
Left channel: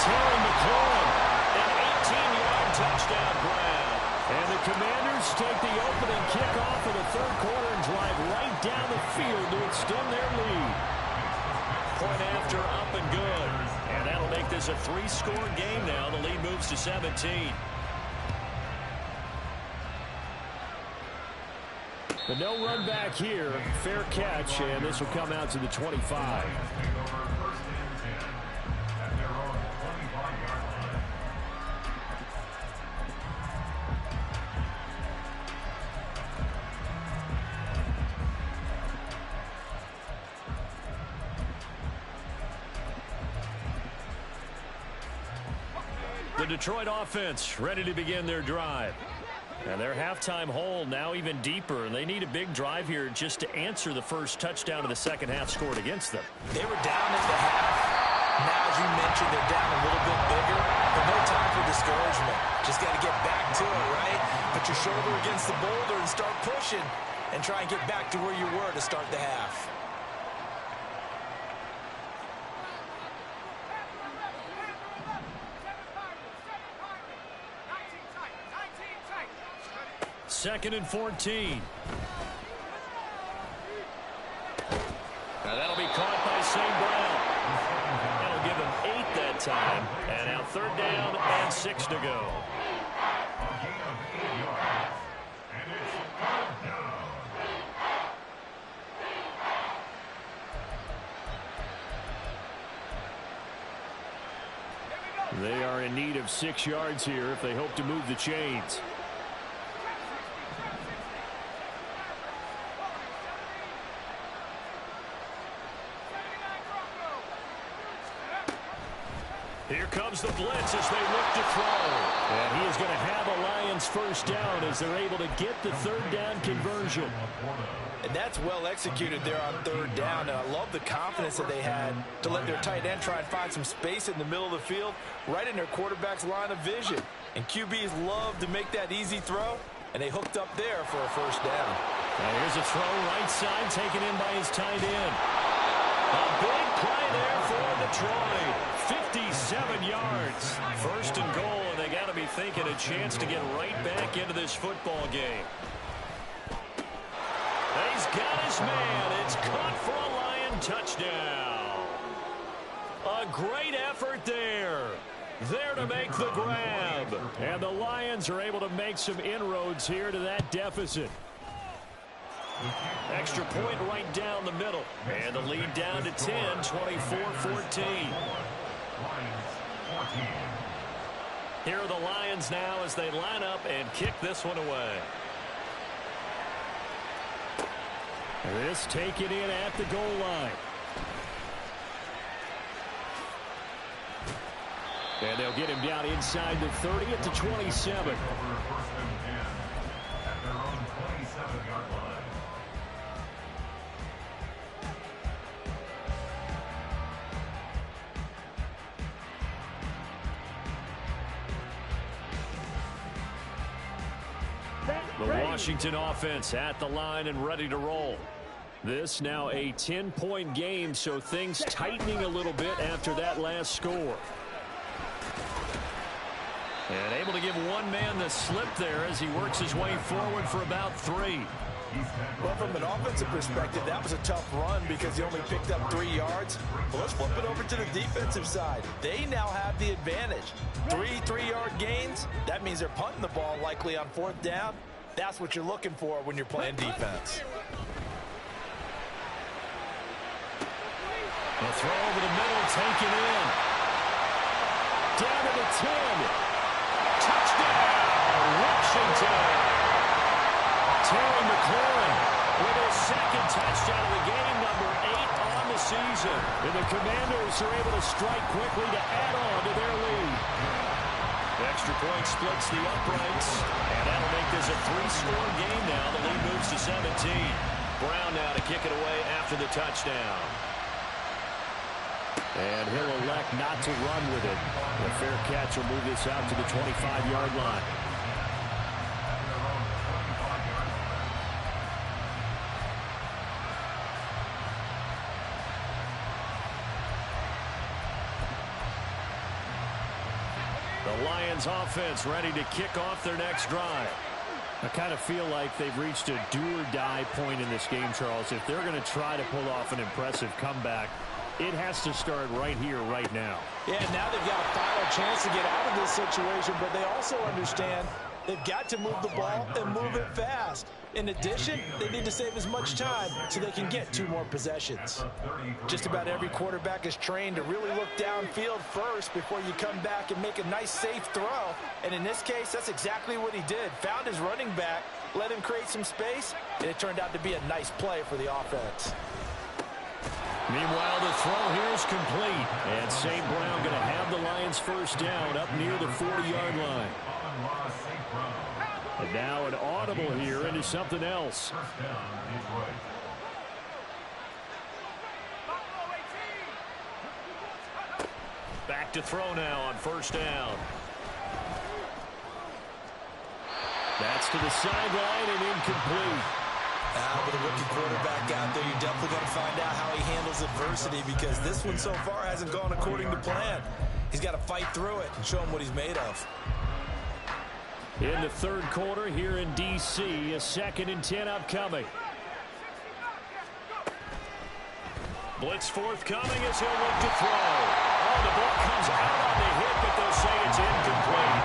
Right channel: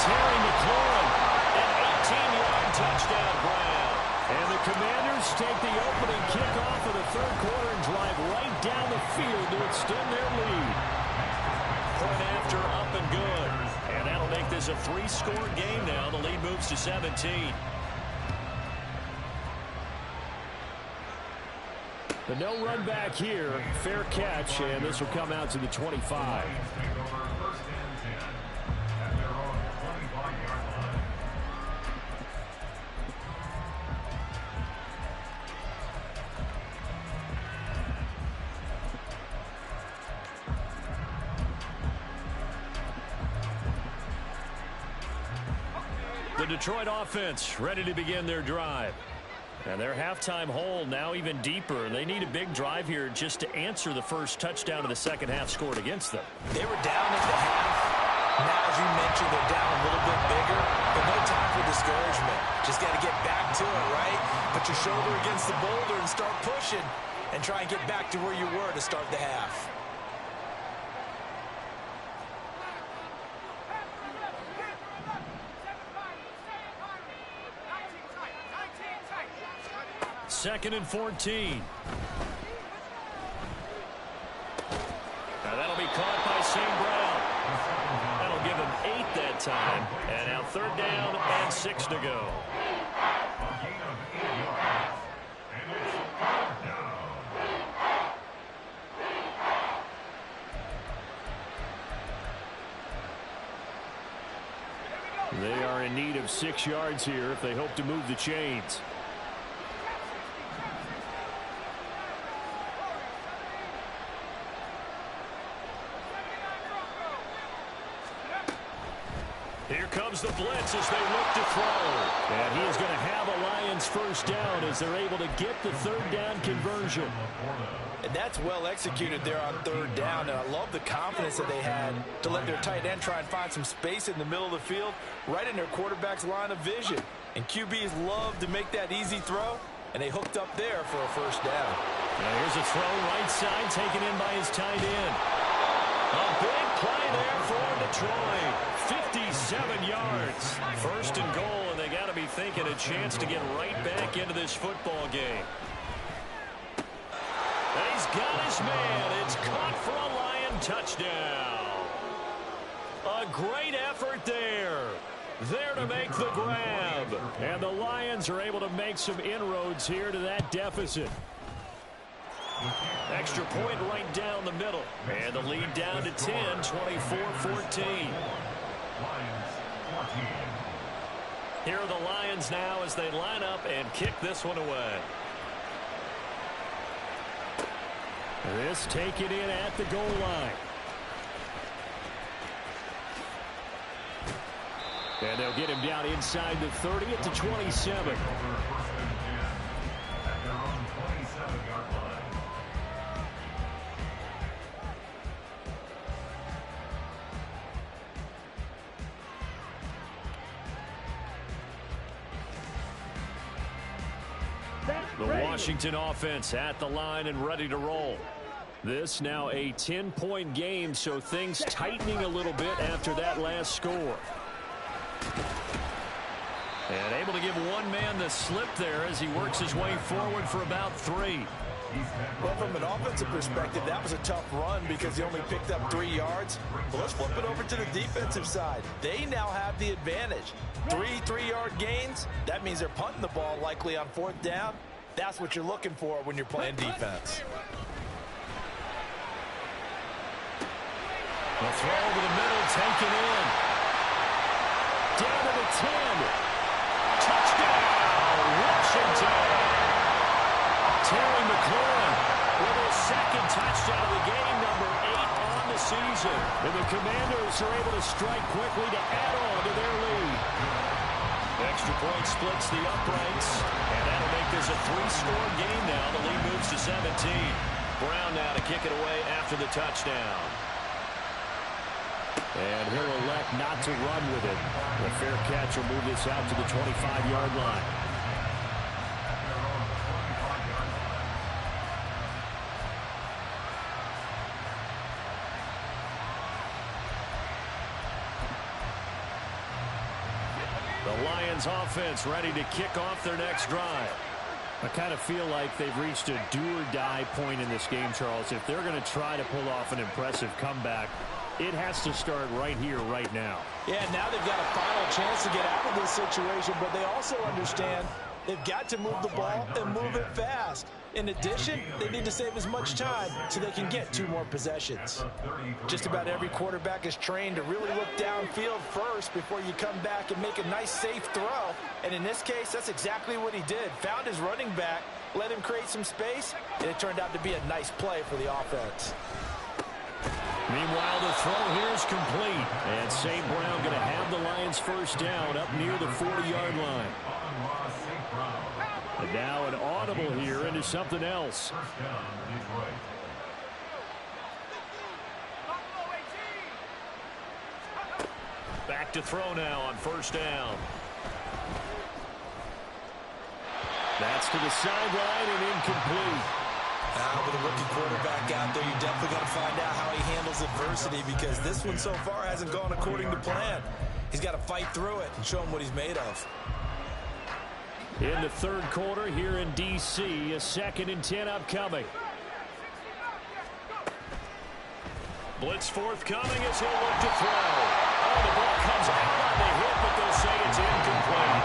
Terry McLaurin, an 18-yard touchdown grab. And the Commanders take the opening kickoff of the third quarter and drive right down the field to extend their lead. Point after, up and good. And that'll make this a 3-score game now. The lead moves to 17. The no run back here, fair catch, and this will come out to the 25. The Detroit offense ready to begin their drive. And their halftime hole now even deeper. They need a big drive here just to answer the first touchdown of the second half scored against them. They were down at the half. Now, as you mentioned, they're down a little bit bigger, but no time for discouragement. Just got to get back to it, right? Put your shoulder against the boulder and start pushing and try and get back to where you were to start the half. 2nd and 14. Now that'll be caught by St. Brown. That'll give him 8 that time. And now 3rd down and 6 to go. A gain of 8 yards. And it's 3rd down. They are in need of 6 yards here if they hope to move the chains. Here comes the blitz as they look to throw. And he is going to have a Lions 1st down as they're able to get the 3rd down conversion. And that's well executed there on 3rd down. And I love the confidence that they had to let their tight end try and find some space in the middle of the field, right in their quarterback's line of vision. And QBs love to make that easy throw, and they hooked up there for a 1st down. Now here's a throw right side taken in by his tight end. A big play there for Detroit. 57 yards. 1st and goal, and they got to be thinking a chance to get right back into this football game. He's got his man. It's caught for a Lion touchdown. A great effort there. There to make the grab. And the Lions are able to make some inroads here to that deficit. Extra point right down the middle. And the lead down to 10, 24-14. Lions 14. Here are the Lions now as they line up and kick this one away. This taken in at the goal line. And they'll get him down inside the 30 at the 27. First and 10 at their own 27-yard line. The Washington offense at the line and ready to roll. This now a 10-point game, so things tightening a little bit after that last score. And able to give one man the slip there as he works his way forward for about 3. Well, from an offensive perspective, that was a tough run because he only picked up 3 yards. Well, let's flip it over to the defensive side. They now have the advantage. 3 3-yard gains. That means they're punting the ball likely on 4th down. That's what you're looking for when you're playing defense. A throw over the middle, taken in. Down to the 10. Touchdown, Washington. Terry McLaurin with his 2nd touchdown of the game, number 8 on the season. And the Commanders are able to strike quickly to add on to their lead. Extra point splits the uprights, and that'll make this a 3-score game now. The lead moves to 17. Brown now to kick it away after the touchdown. And he'll elect not to run with it. The fair catch will move this out to the 25-yard line. The Lions offense ready to kick off their next drive. I kind of feel like they've reached a do-or-die point in this game, Charles. If they're going to try to pull off an impressive comeback, it has to start right here, right now. Yeah, now they've got a final chance to get out of this situation, but they also understand they've got to move the ball and move it fast. In addition, they need to save as much time so they can get 2 more possessions. Just about every quarterback is trained to really look downfield first before you come back and make a nice, safe throw. And in this case, that's exactly what he did. Found his running back, let him create some space, and it turned out to be a nice play for the offense. Meanwhile, the throw here is complete. And St. Brown going to have the Lions 1st down up near the 40-yard line. And now an audible here into something else. First down, Detroit. Back to throw now on 1st down. That's to the sideline and incomplete. With a rookie quarterback out there, you're definitely going to find out how he handles adversity because this one so far hasn't gone according to plan. He's got to fight through it and show him what he's made of. In the third quarter here in D.C., a 2nd and 10 upcoming. Blitz forthcoming as he'll look to throw. Oh, the ball comes out on the hit, but they'll say it's incomplete.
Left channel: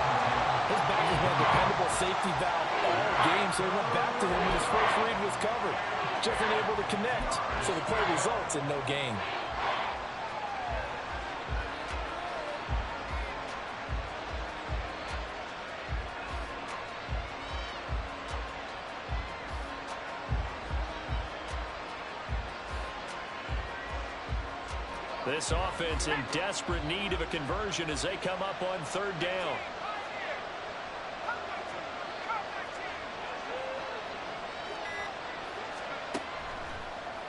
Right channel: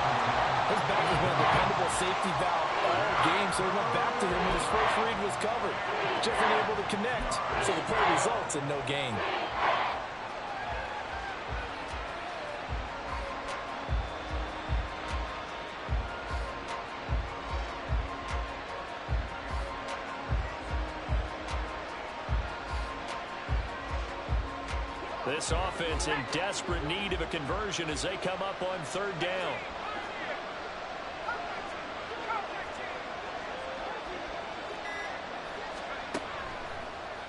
His back has been a dependable safety valve all game, so he went back to him when his first read was covered. Just unable to connect, so the play results in no gain. This offense in desperate need of a conversion as they come up on 3rd down.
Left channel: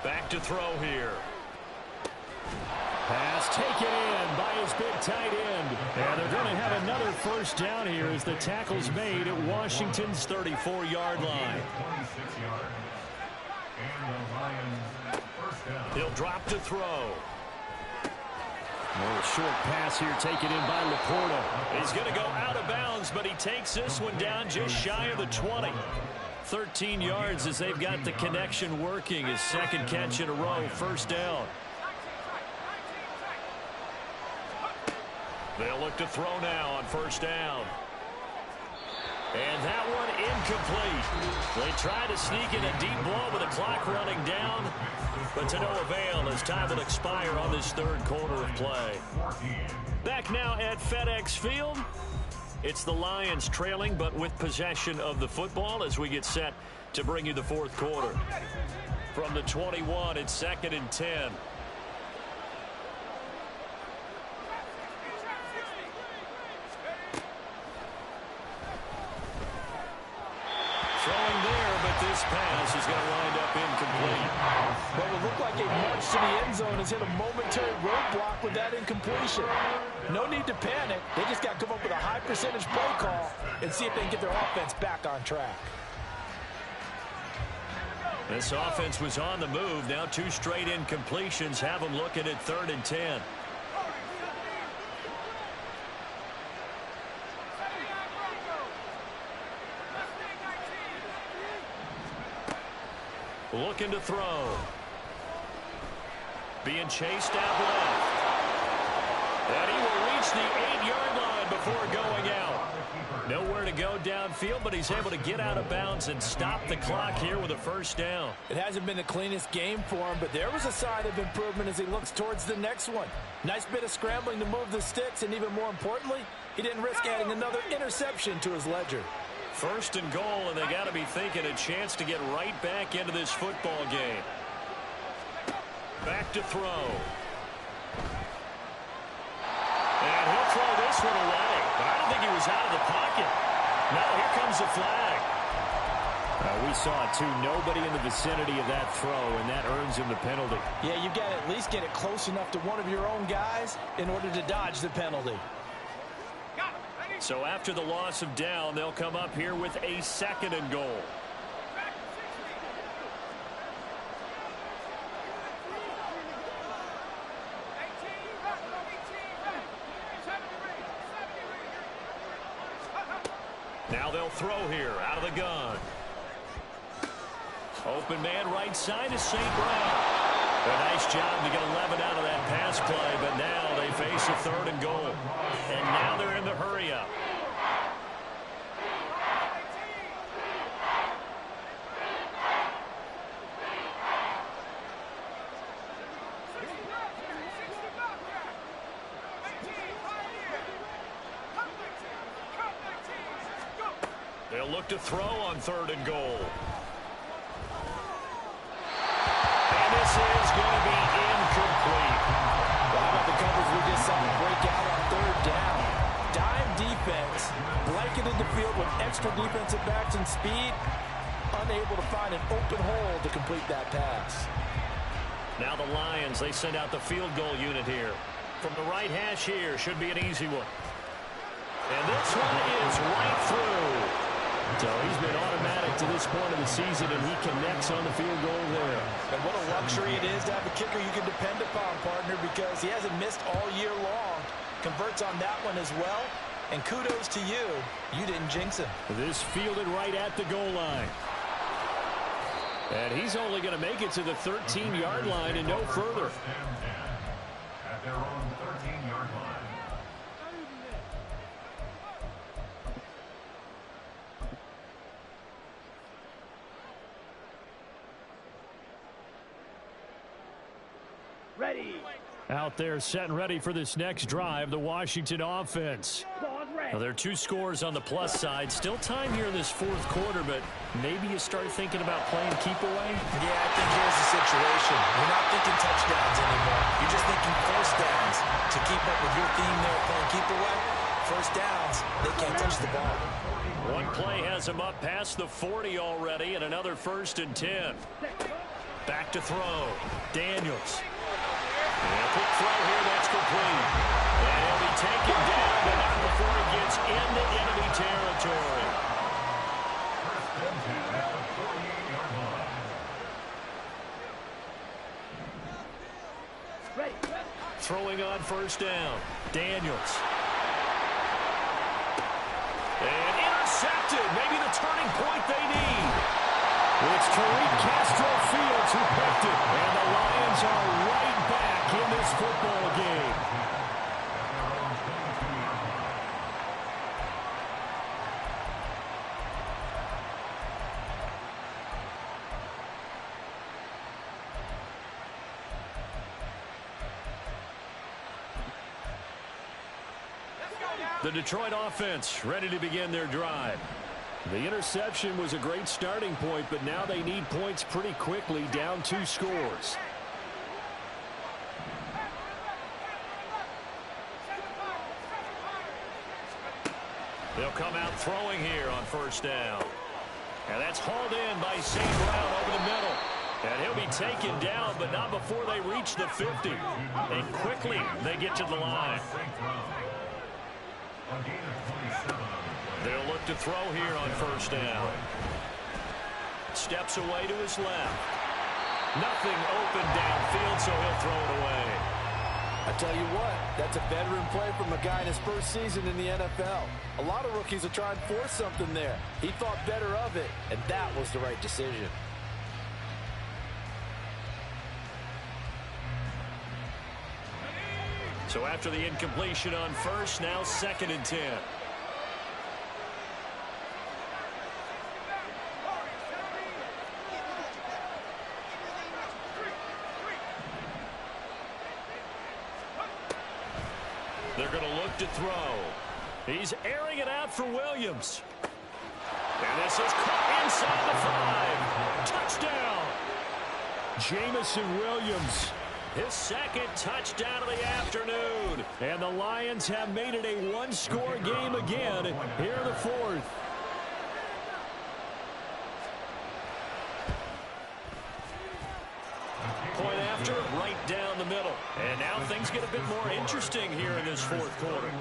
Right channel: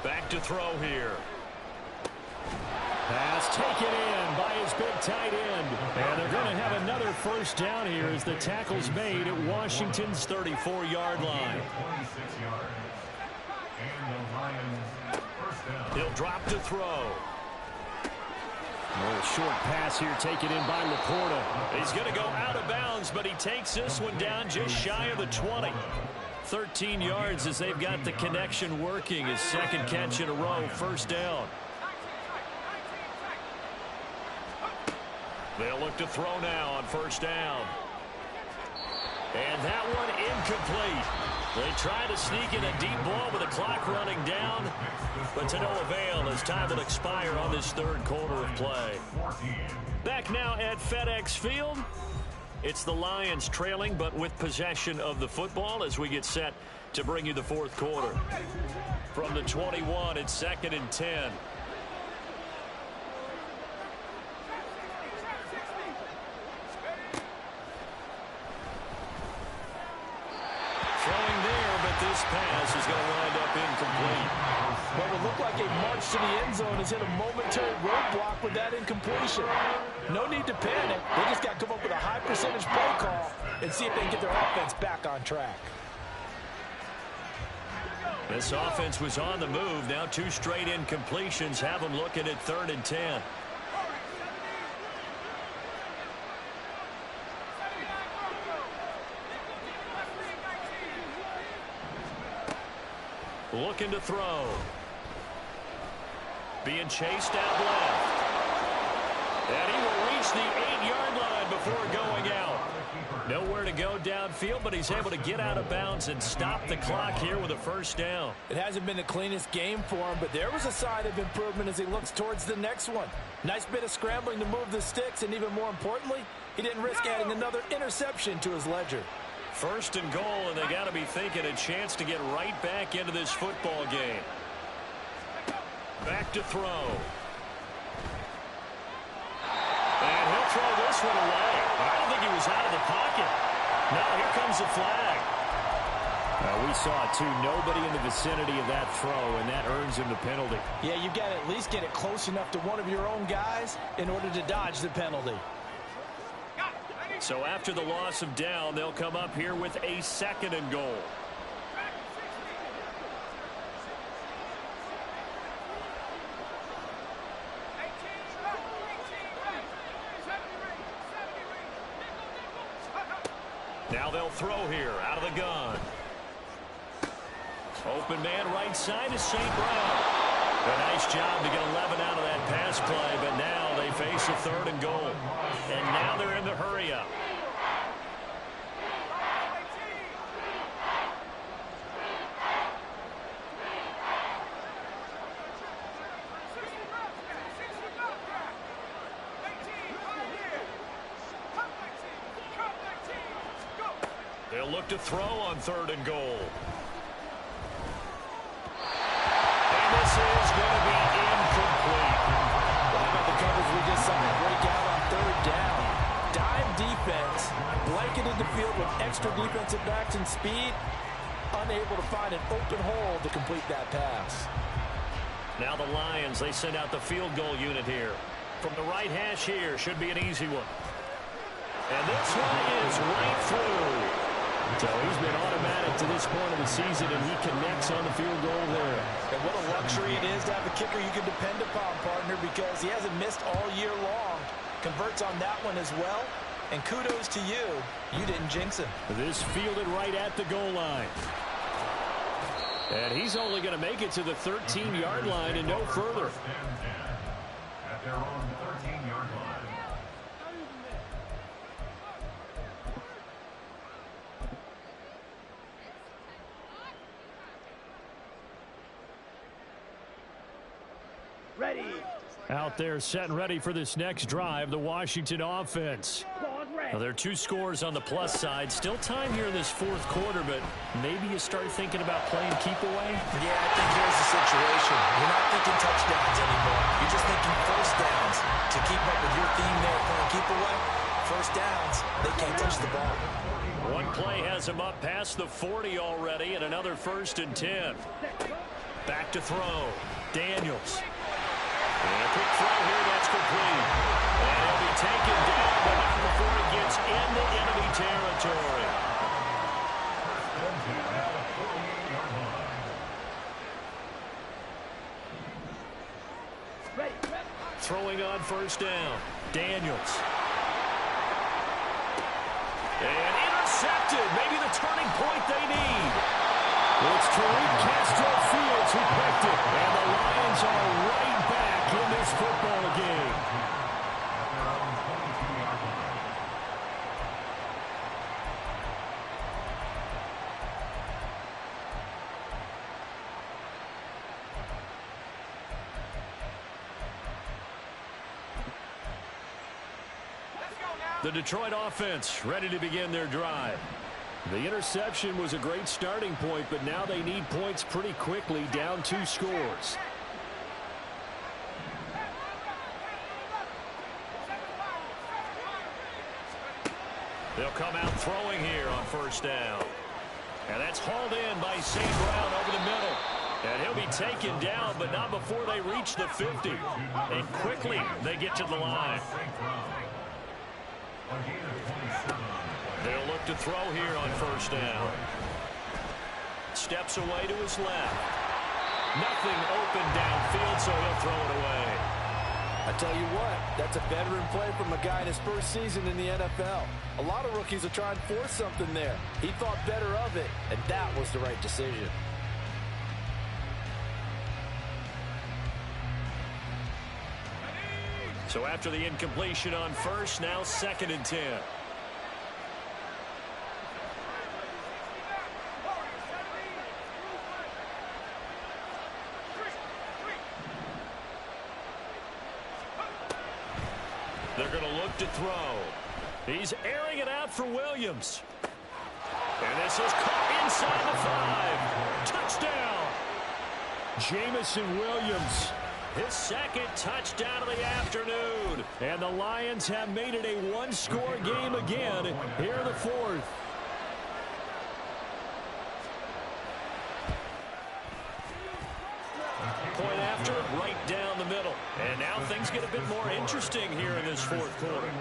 Back to throw here. Pass taken in by his big tight end. And they're going to have another first down here as the tackle's made at Washington's 34-yard line. 26 yards. And the Lions first down. He'll drop to throw. A little short pass here taken in by Laporta. He's going to go out of bounds, but he takes this one down just shy of the 20. 13 yards as they've got the connection working. His 2nd catch in a row, first down. They'll look to throw now on first down. And that one incomplete. They try to sneak in a deep ball with the clock running down, but to no avail as time will expire on this 3rd quarter of play. Back now at FedEx Field. It's the Lions trailing, but with possession of the football as we get set to bring you the 4th quarter. From the 21, it's 2nd and 10. Throwing there, but this pass is going to wind up incomplete. What would look like a march to the end zone has hit a momentary roadblock with that incompletion. No need to panic. They just got to come up with a high percentage play call and see if they can get their offense back on track. This offense was on the move. Now 2 straight incompletions have them looking at 3rd and 10. Looking to throw. Being chased out left. And he will reach the 8-yard line before going out. Nowhere to go downfield, but he's able to get out of bounds and stop the clock here with a first down. It hasn't been the cleanest game for him, but there was a sign of improvement as he looks towards the next one. Nice bit of scrambling to move the sticks, and even more importantly, he didn't risk adding another interception to his ledger. 1st and goal, and they got to be thinking a chance to get right back into this football game. Back to throw. And he'll throw this one away, but I don't think he was out of the pocket. Now here comes the flag. We saw it too. Nobody in the vicinity of that throw, and that earns him the penalty. Yeah, you've got to at least get it close enough to one of your own guys in order to dodge the penalty. So after the loss of down, they'll come up here with a 2nd and goal. Now they'll throw here out of the gun. Open man right side is St. Brown. A nice job to get 11 out of that pass play, but now they face a 3rd and goal. And now they're in the hurry up. They'll look to throw on 3rd and goal. And this is going to be incomplete. Well, how about the coverage we just saw break out on 3rd down? Dime defense, blanketed the field with extra defensive backs and speed, unable to find an open hole to complete that pass. Now the Lions, they send out the field goal unit here. From the right hash here, should be an easy one. And this one is right through. So he's been automatic to this point of the season, and he connects on the field goal there. And what a luxury it is to have a kicker you can depend upon, partner, because he hasn't missed all year long. Converts on that one as well. And kudos to you. You didn't jinx him. This fielded right at the goal line. And he's only going to make it to the 13-yard line and no further. First and 10 at their own 13-yard line. Ready. Out there set and ready for this next drive, the Washington offense. Ball's ready. Now, there are 2 scores on the plus side. Still time here in this fourth quarter, but maybe you start thinking about playing keep away? Yeah, I think here's the situation. You're not thinking touchdowns anymore. You're just thinking first downs. To keep up with your theme there, playing keep away, first downs, they can't touch the ball. One play has him up past the 40 already, and another 1st and 10. Back to throw. Daniels. And a quick throw here, that's complete. And he'll be taken down, but not before he gets into enemy territory. First and 10 at the 48-yard line. Ready. Throwing on first down. Daniels. And intercepted. Maybe the turning point they need. It's Tariq Castro Fields who picked it. And the Lions are right back in this football game. At their own 22-yard line. The Detroit offense ready to begin their drive. The interception was a great starting point, but now they need points pretty quickly, down 2 scores. They'll come out throwing here on first down. And that's hauled in by St. Brown over the middle. And he'll be taken down, but not before they reach the 50. And quickly they get to the line. A gain of 27 on the play. They'll look to throw here on first down. Steps away to his left. Nothing open downfield, so he'll throw it away. I tell you what, that's a veteran play from a guy in his first season in the NFL. A lot of rookies will try and force something there. He thought better of it, and that was the right decision. So after the incompletion on first, now 2nd and 10. They're going to look to throw. He's airing it out for Williams. And this is caught inside the 5. Touchdown. Jamison Williams. His 2nd touchdown of the afternoon. And the Lions have made it a 1-score game again here in the 4th. Point after, right down the middle. And now things get a bit more interesting here in this 4th quarter.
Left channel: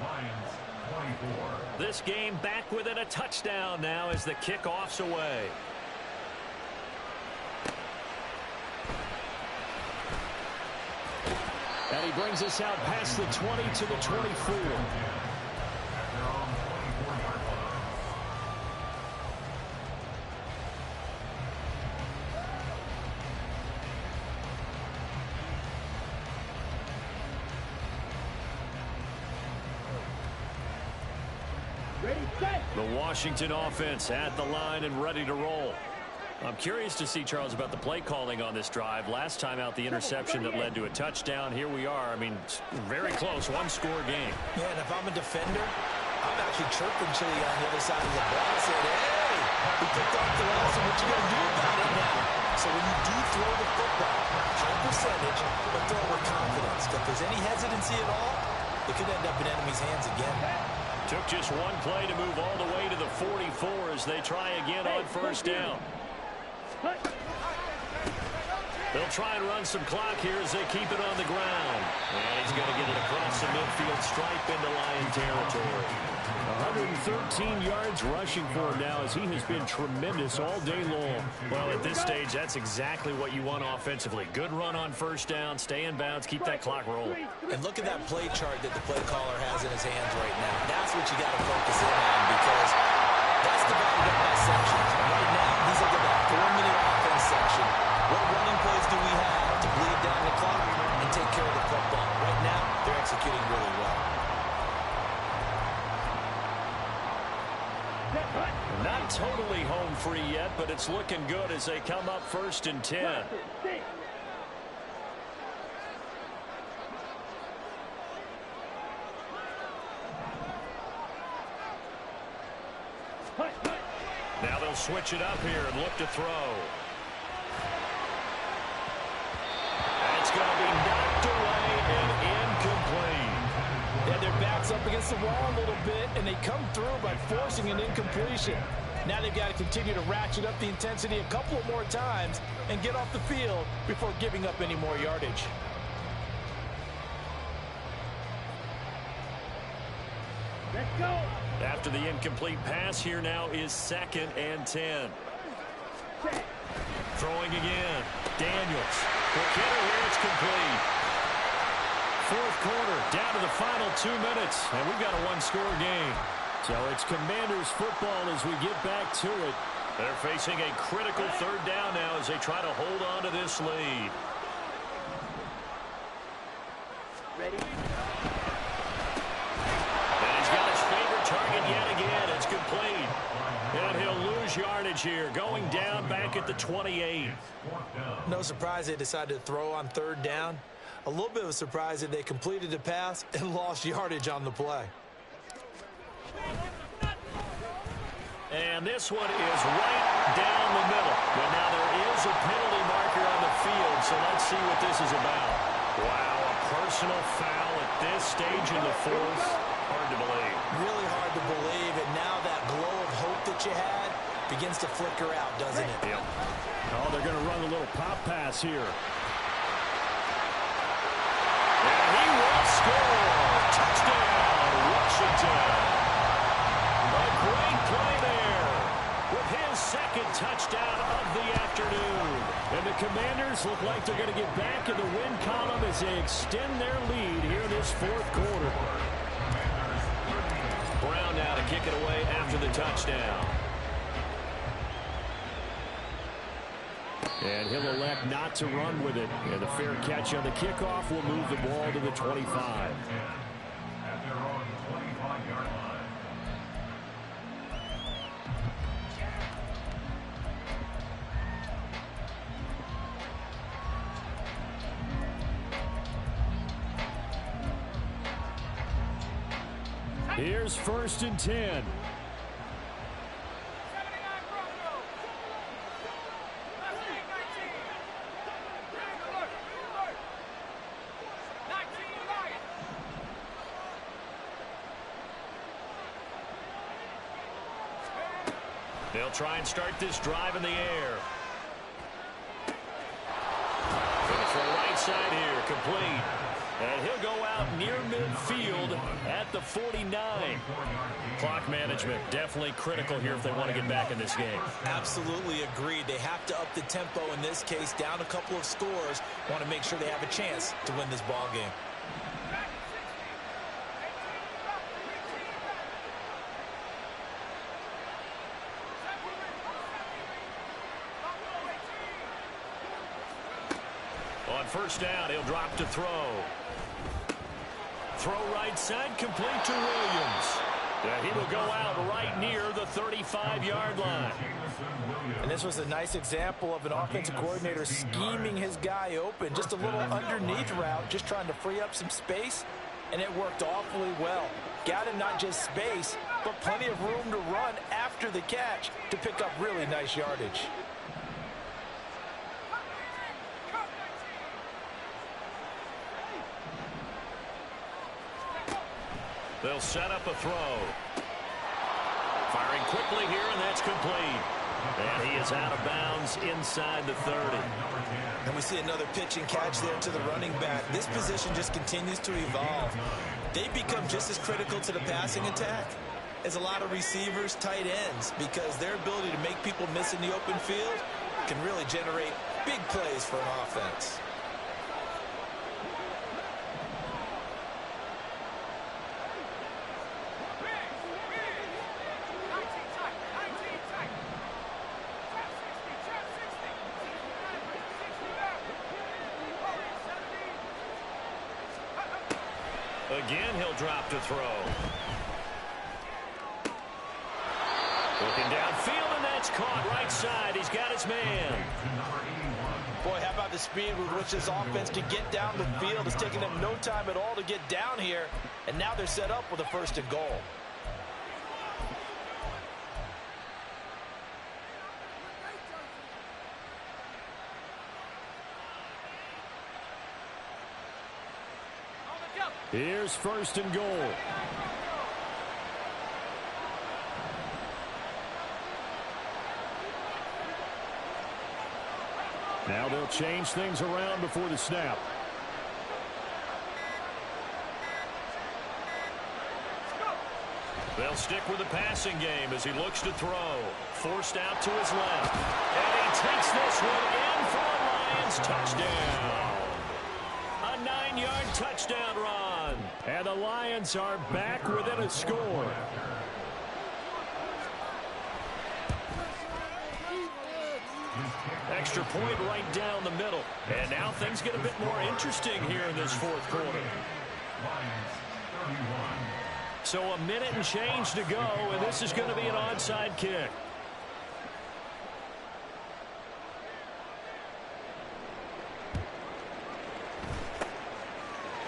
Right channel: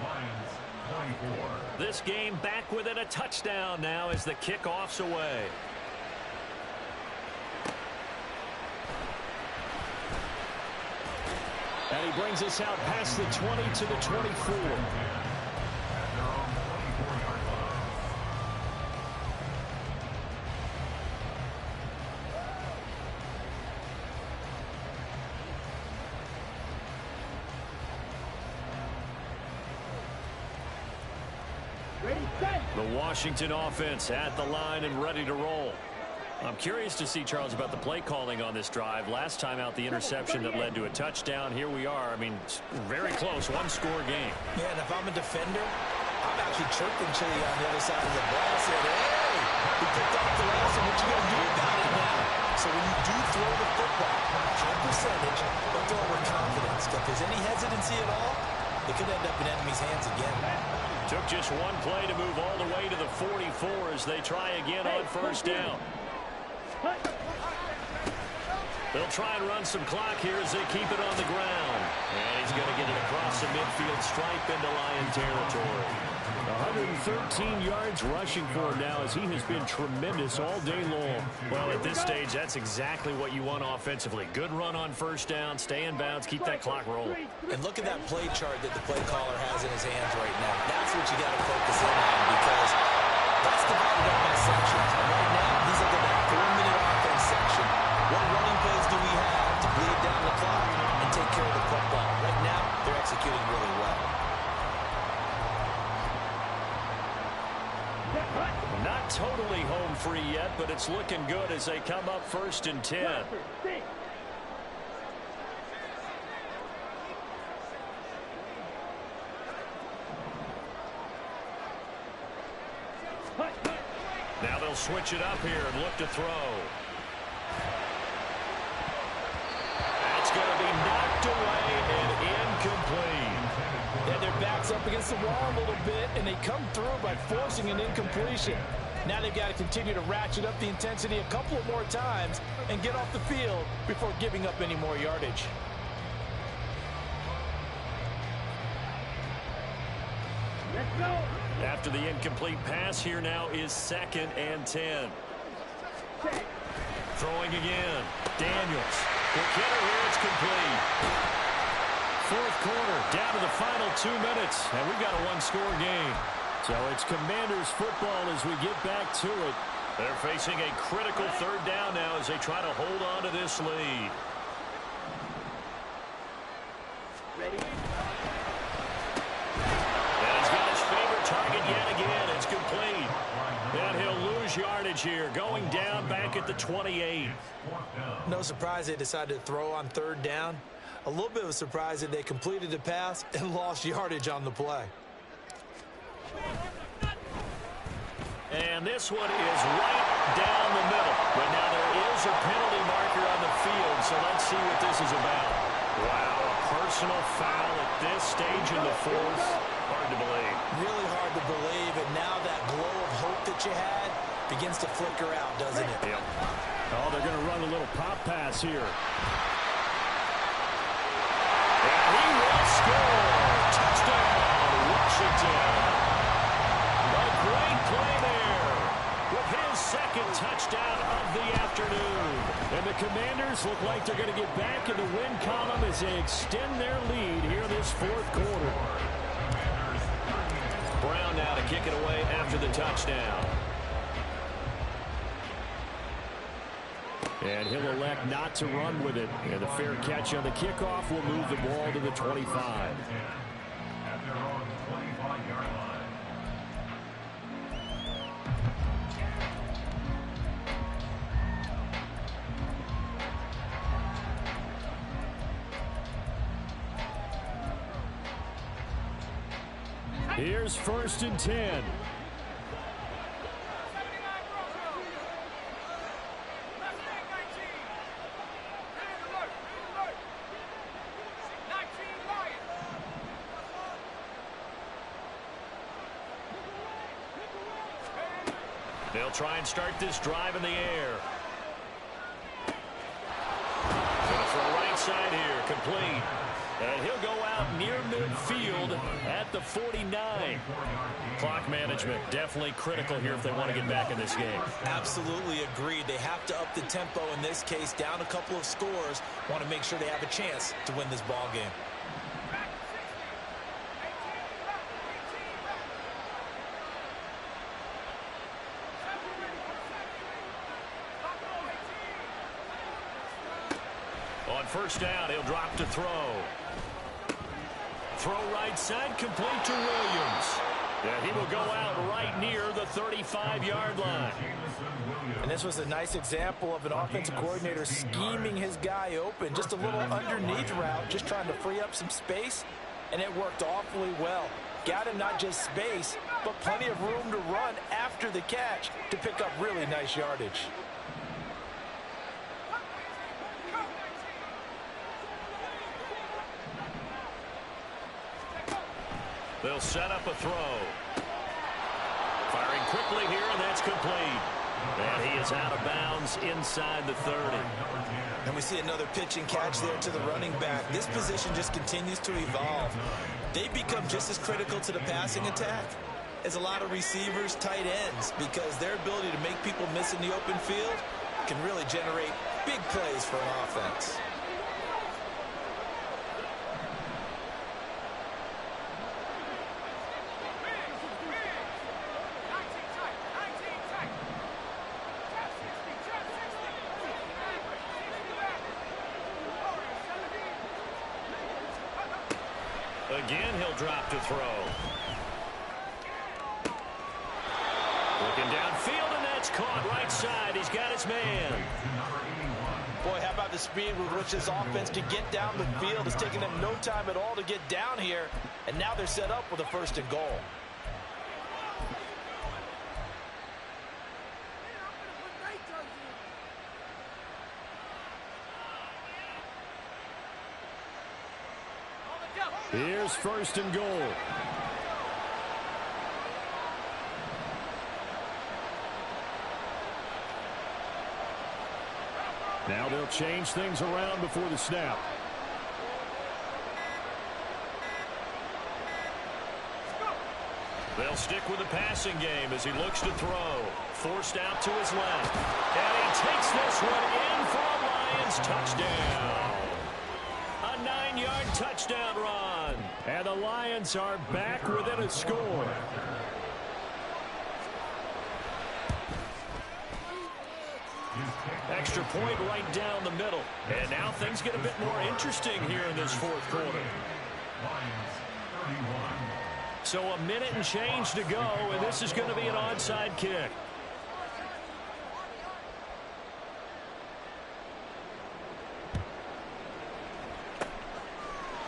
Lions 24. This game back within a touchdown now as the kickoff's away. And he brings us out past the 20 to the 24. At their own 24-yard line. Ready, set. The Washington offense at the line and ready to roll. I'm curious to see, Charles, about the play calling on this drive. Last time out, the interception that led to a touchdown. Here we are. I mean, very close, 1-score game. Yeah, and if I'm a defender, I'm actually chirping Chili on the other side of the ball. I said, hey, we picked off the last one. What you going to do about it now? So when you do throw the football, high percentage, but throw it with confidence. If there's any hesitancy at all, it could end up in enemy's hands again. Took just one play to move all the way to the 44 as they try again on first down. They'll try and run some clock here as they keep it on the ground. And he's going to get it across the midfield stripe into Lion territory. 113 yards rushing for him now as he has been tremendous all day long. Well, at this stage, that's exactly what you want offensively. Good run on first down, stay in bounds, keep that clock rolling. And look at that play chart that the play caller has in his hands right now. That's what you got to focus in on because that's divided up by sections. And right now, he's looking at that 4-minute offense section. What running plays do we have to bleed down the clock and take care of the football? Right now, they're executing really well. Not totally home free yet, but it's looking good as they come up 1st and 10. Now they'll switch it up here and look to throw. That's going to be knocked away and incomplete. Yeah, their back's up against the wall a little bit, and they come through by forcing an incompletion. Now they've got to continue to ratchet up the intensity a couple of more times and get off the field before giving up any more yardage. Let's go. After the incomplete pass, here now is 2nd and 10. Throwing again. Daniels. Quick hitter here, it's complete. 4th quarter, down to the final 2 minutes, and we've got a one-score game. So it's Commanders football as we get back to it. They're facing a critical 3rd down now as they try to hold on to this lead. Ready? And he's got his favorite target yet again. It's complete. And he'll lose yardage here, going down back at the 28. No surprise they decided to throw on 3rd down. A little bit of a surprise that they completed the pass and lost yardage on the play. And this one is right down the middle. But now there is a penalty marker on the field, so let's see what this is about. Wow, a personal foul at this stage in the 4th. Hard to believe. Really hard to believe, and now that glow of hope that you had begins to flicker out, doesn't it? Yep. Oh, they're going to run a little pop pass here. And he will score. Touchdown, Washington. A great play there with his 2nd touchdown of the afternoon. And the Commanders look like they're going to get back in the win column as they extend their lead here in this 4th quarter. Brown now to kick it away after the touchdown. And he'll elect not to run with it. And the fair catch on the kickoff will move the ball to the 25. At their own 25-yard line. Here's 1st and 10. They'll try and start this drive in the air. Gonna throw right side here, complete. And he'll go out near midfield at the 49. Clock management definitely critical here if they want to get back in this game. Absolutely agreed. They have to up the tempo in this case, down a couple of scores. Want to make sure they have a chance to win this ball game. On 1st down, he'll drop to throw. Throw right side, complete to Williams. Yeah, he will go out right near the 35-yard line. And this was a nice example of an offensive coordinator scheming his guy open. Just a little underneath route, just trying to free up some space, and it worked awfully well. Got him not just space, but plenty of room to run after the catch to pick up really nice yardage. They'll set up a throw. Firing quickly here, and that's complete. And he is out of bounds inside the 30. And we see another pitch and catch there to the running back. This position just continues to evolve. They become just as critical to the passing attack as a lot of receivers, tight ends, because their ability to make people miss in the open field can really generate big plays for an offense. Again, he'll drop to throw. Looking downfield, and that's caught right side. He's got his man. Boy, how about the speed with which this offense can get down the field? It's taking them no time at all to get down here, and now they're set up with a 1st and goal. Here's 1st and goal. Now they'll change things around before the snap. They'll stick with the passing game as he looks to throw. Forced out to his left. And he takes this one in for a Lions touchdown. A 9-yard touchdown run. And the Lions are back within a score. Extra point right down the middle. And now things get a bit more interesting here in this 4th quarter. Lions 31. So a minute and change to go, and this is going to be an onside kick.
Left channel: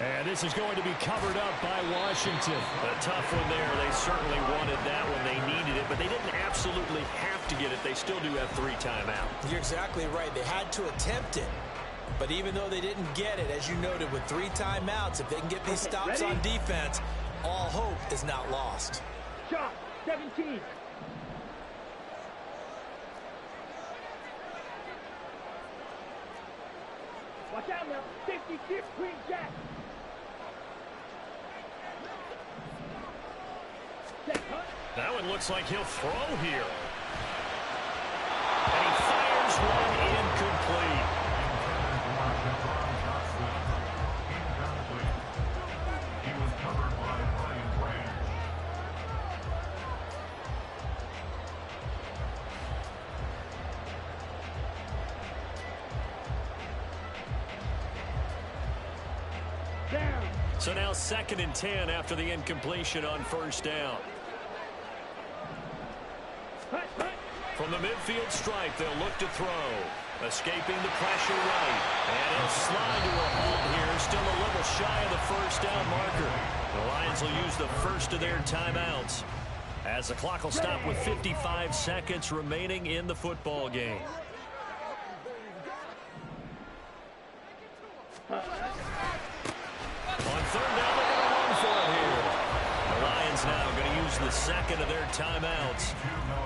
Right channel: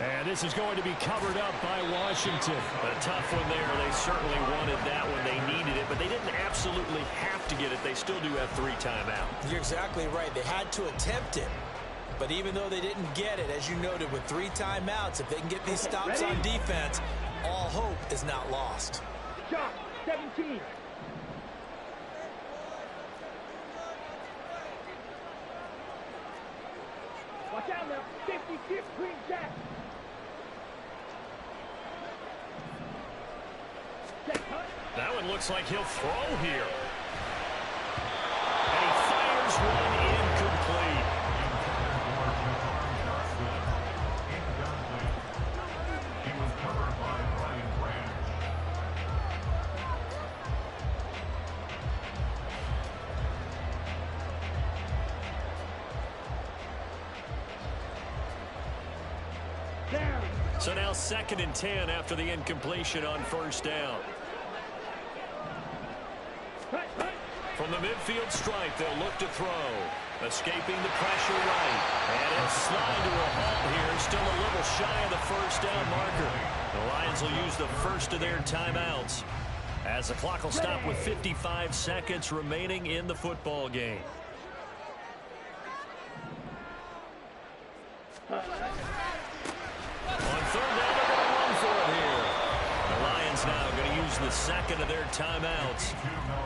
And this is going to be covered up by Washington. A tough one there. They certainly wanted that when they needed it, but they didn't absolutely have to get it. They still do have 3 timeouts. You're exactly right. They had to attempt it. But even though they didn't get it, as you noted, with 3 timeouts, if they can get these stops on defense, all hope is not lost. Shot 17. Watch out now. 50-50 Queen Jack. That one looks like he'll throw here. And he fires one incomplete. He was covered by Brian Branch. Down. So now 2nd and 10 after the incompletion on 1st down. From the midfield stripe, they'll look to throw. Escaping the pressure right. And it'll slide to a halt here. Still a little shy of the 1st down marker. The Lions will use the first of their timeouts as the clock will stop with 55 seconds remaining in the football game. On 3rd down, they're going to run for it here. The Lions now going to use the 2nd of their timeouts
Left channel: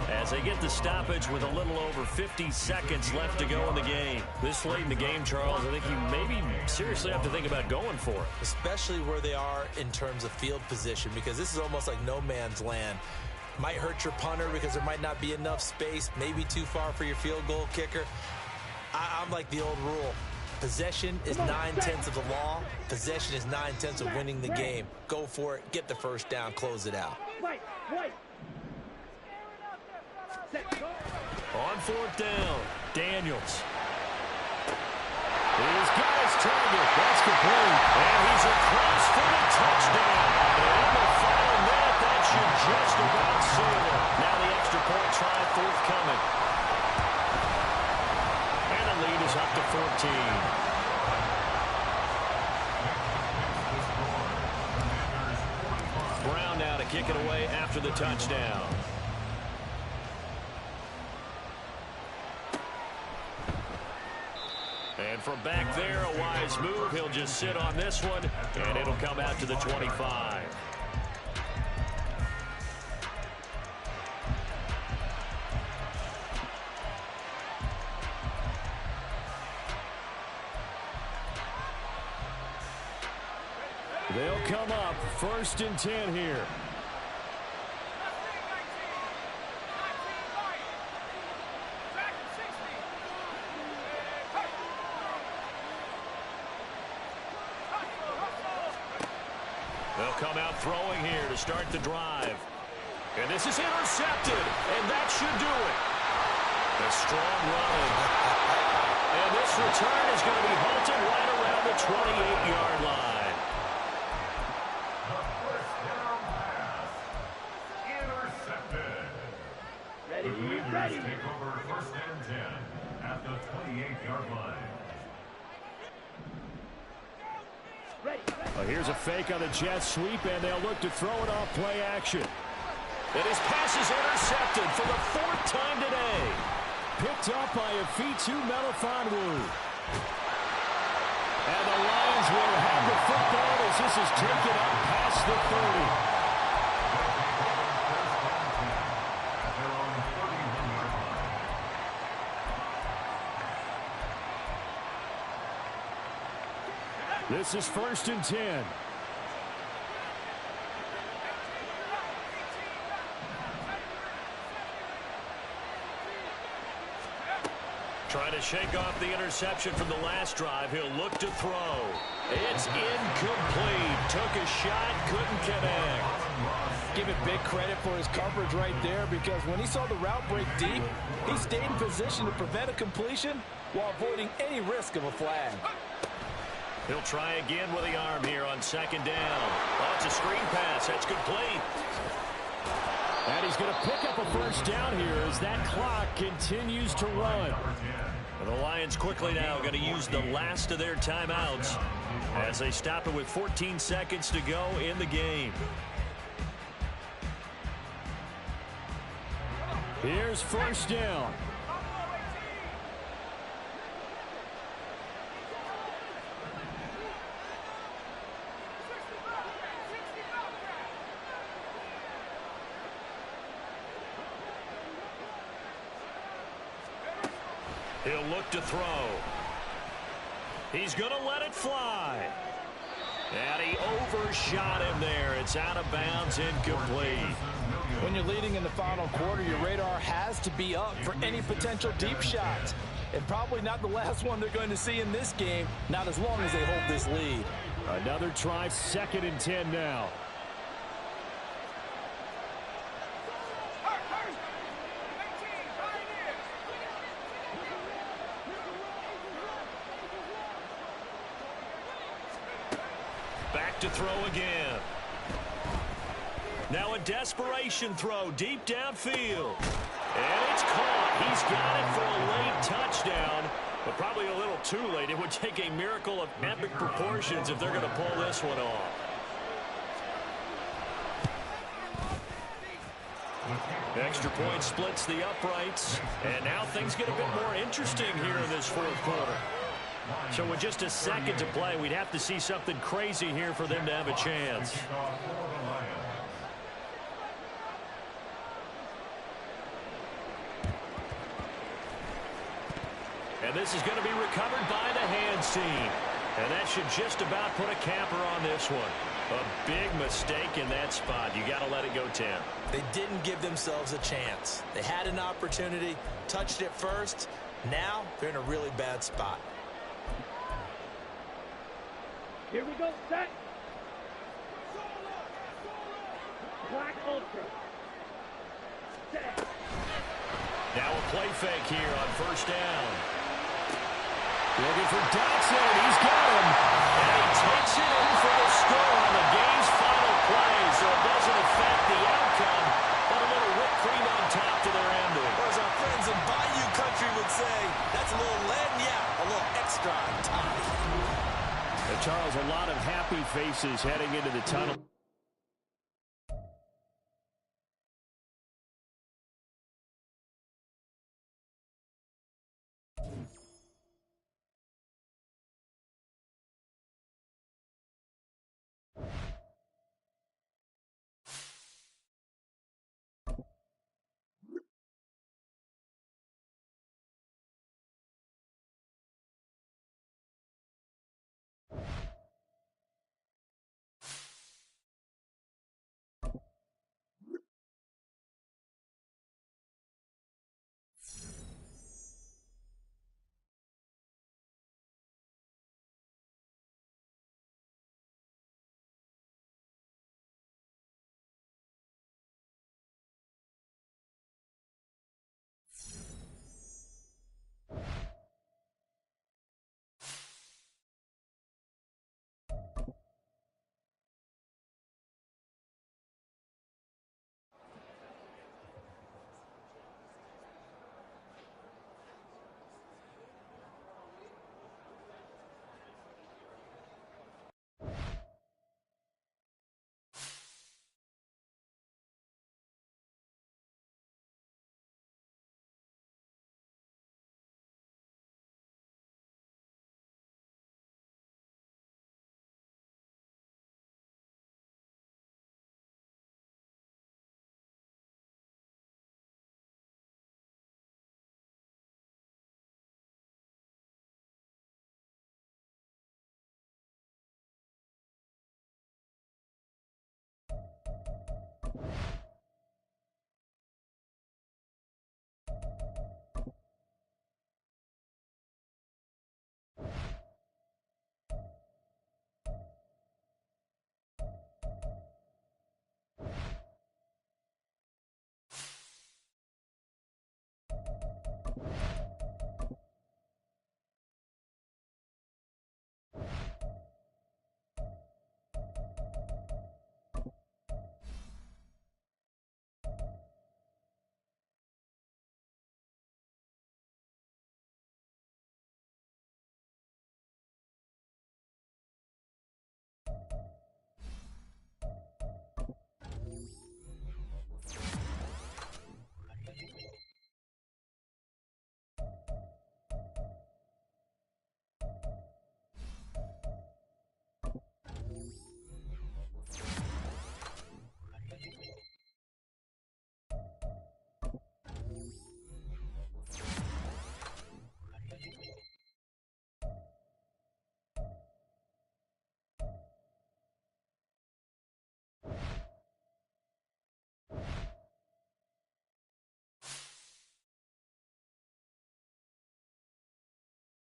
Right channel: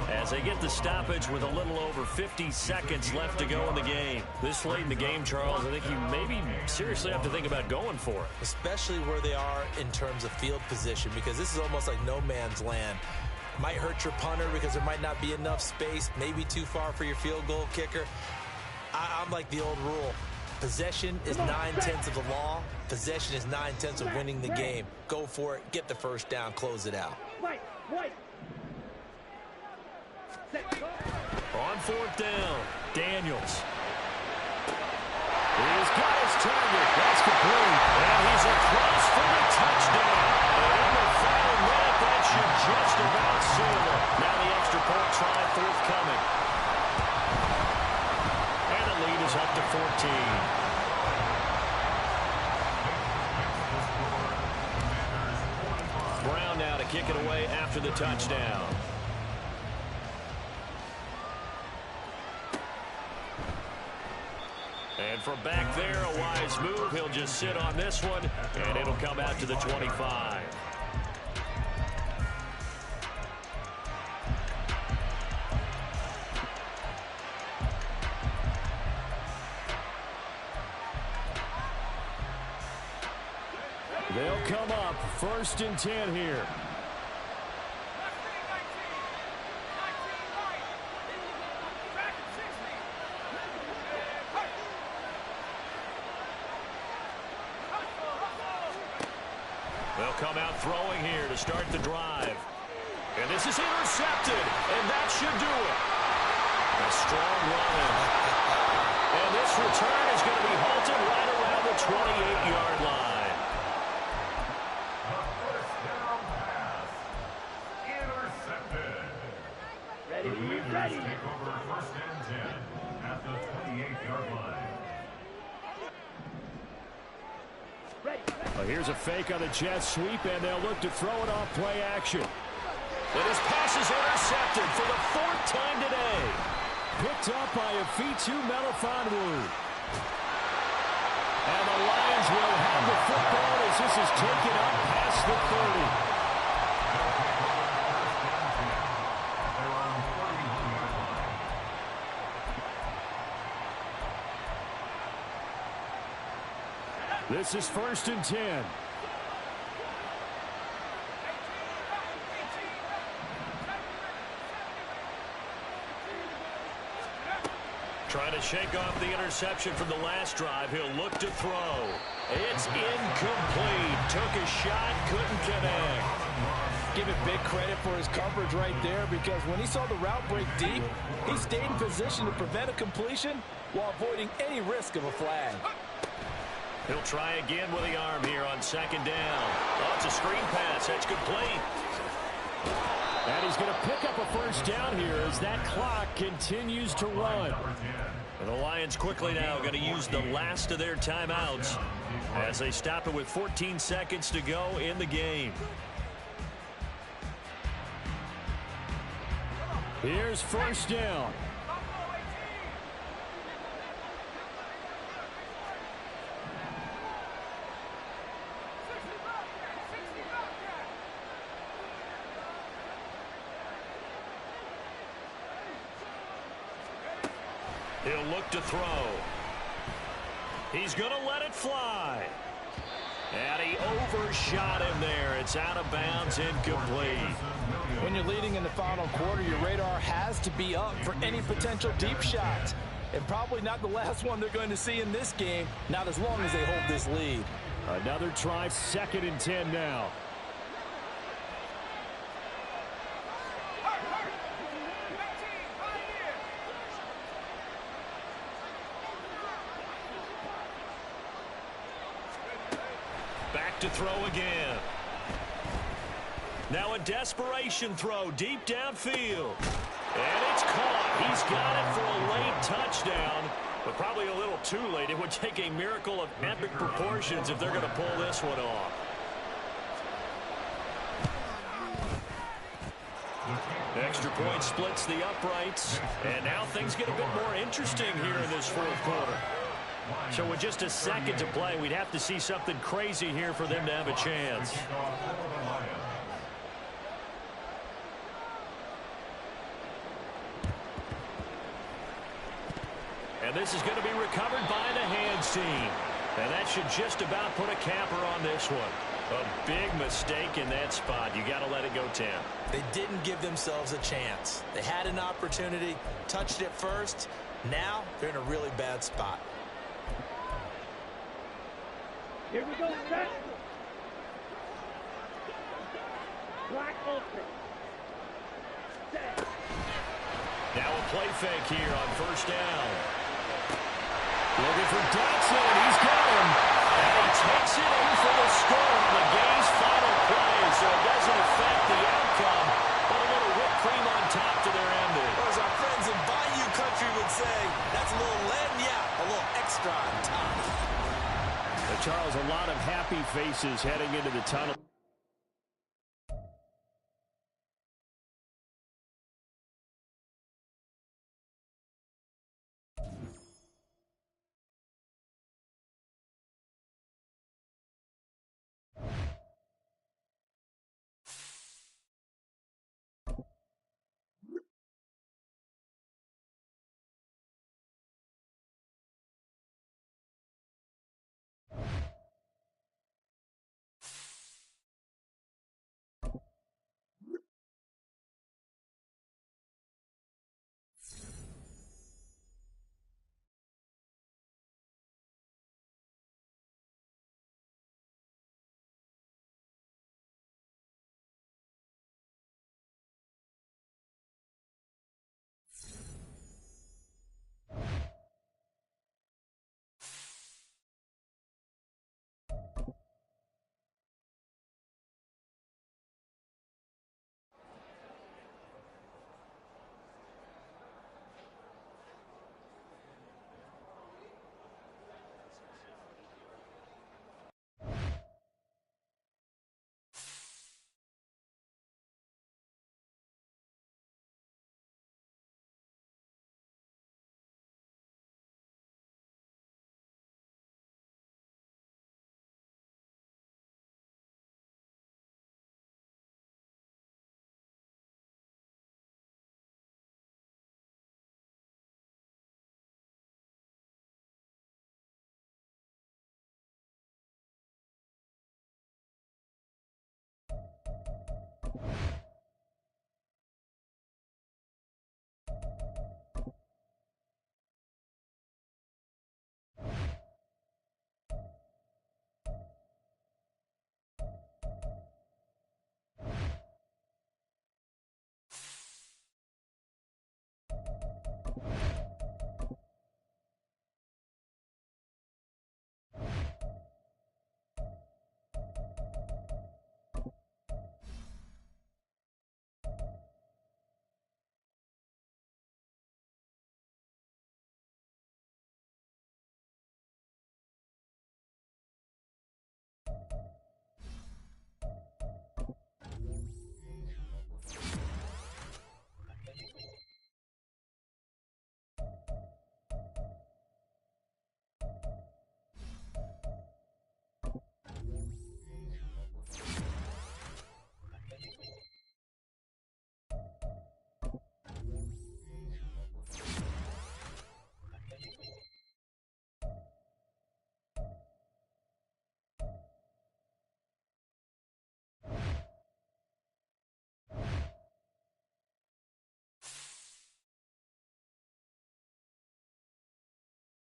as they get the stoppage with a little over 50 seconds left to go in the game. This late in the game, Charles, I think you maybe seriously have to think about going for it. Especially where they are in terms of field position, because this is almost like no man's land. Might hurt your punter because there might not be enough space, maybe too far for your field goal kicker. I'm like the old rule. Possession is 9/10 of the law. Possession is 9/10 of winning the game. Go for it. Get the 1st down. Close it out. On 4th down, Daniels. He's got his target. That's complete. And he's across for the touchdown. And in the final minute, that should just about seal it. Now the extra point try forthcoming. And the lead is up to 14. Brown now to kick it away after the touchdown. And from back there, a wise move. He'll just sit on this one, and it'll come out to the 25. They'll come up 1st and 10 here. They'll come out throwing here to start the drive. And this is intercepted, and that should do it. A strong running. And this return is going to be halted right around the 28-yard line. The first down pass. Intercepted. Ready, The Raiders ready. take over 1st and 10 at the 28-yard line. Ready, ready. Well, here's a fake on the jet sweep, and they'll look to throw it off play action. And his pass is intercepted for the 4th time today. Picked up by Afitu Melifonwu. And the Lions will have the football as this is taken up past the 30. They'll take over 1st and 10 at their own 31-yard line. This is 1st and 10. Trying to shake off the interception from the last drive. He'll look to throw. It's incomplete. Took a shot, couldn't connect. Give it big credit for his coverage right there, because when he saw the route break deep, he stayed in position to prevent a completion while avoiding any risk of a flag. He'll try again with the arm here on 2nd down. Oh, it's a screen pass. That's complete. And he's going to pick up a 1st down here as that clock continues to run. And the Lions quickly now going to use the last of their timeouts as they stop it with 14 seconds to go in the game. Here's 1st down. He'll look to throw. He's going to let it fly. And he overshot him there. It's out of bounds, incomplete. When you're leading in the final quarter, your radar has to be up for any potential deep shots. And probably not the last one they're going to see in this game, not as long as they hold this lead. Another try, 2nd and 10 now. Back to throw again. Now a desperation throw deep downfield. And it's caught. He's got it for a late touchdown, but probably a little too late. It would take a miracle of epic proportions if they're going to pull this one off. Extra point splits the uprights, and now things get a bit more interesting here in this 4th quarter. So with just a second to play, we'd have to see something crazy here for them to have a chance. And this is going to be recovered by the hands team. And that should just about put a capper on this one. A big mistake in that spot. You got to let it go 10. They didn't give themselves a chance. They had an opportunity, touched it first. Now they're in a really bad spot. Here we go, set. Black Ultra. Set. Now a play fake here on 1st down. Looking for Dotson. He's got him. And he takes it in for the score on the game's final play. So it doesn't affect the outcome, but a little whipped cream on top to their ending. Or as our friends in Bayou Country would say, that's a little lagniappe, a little extra on top. Charles, a lot of happy faces heading into the tunnel.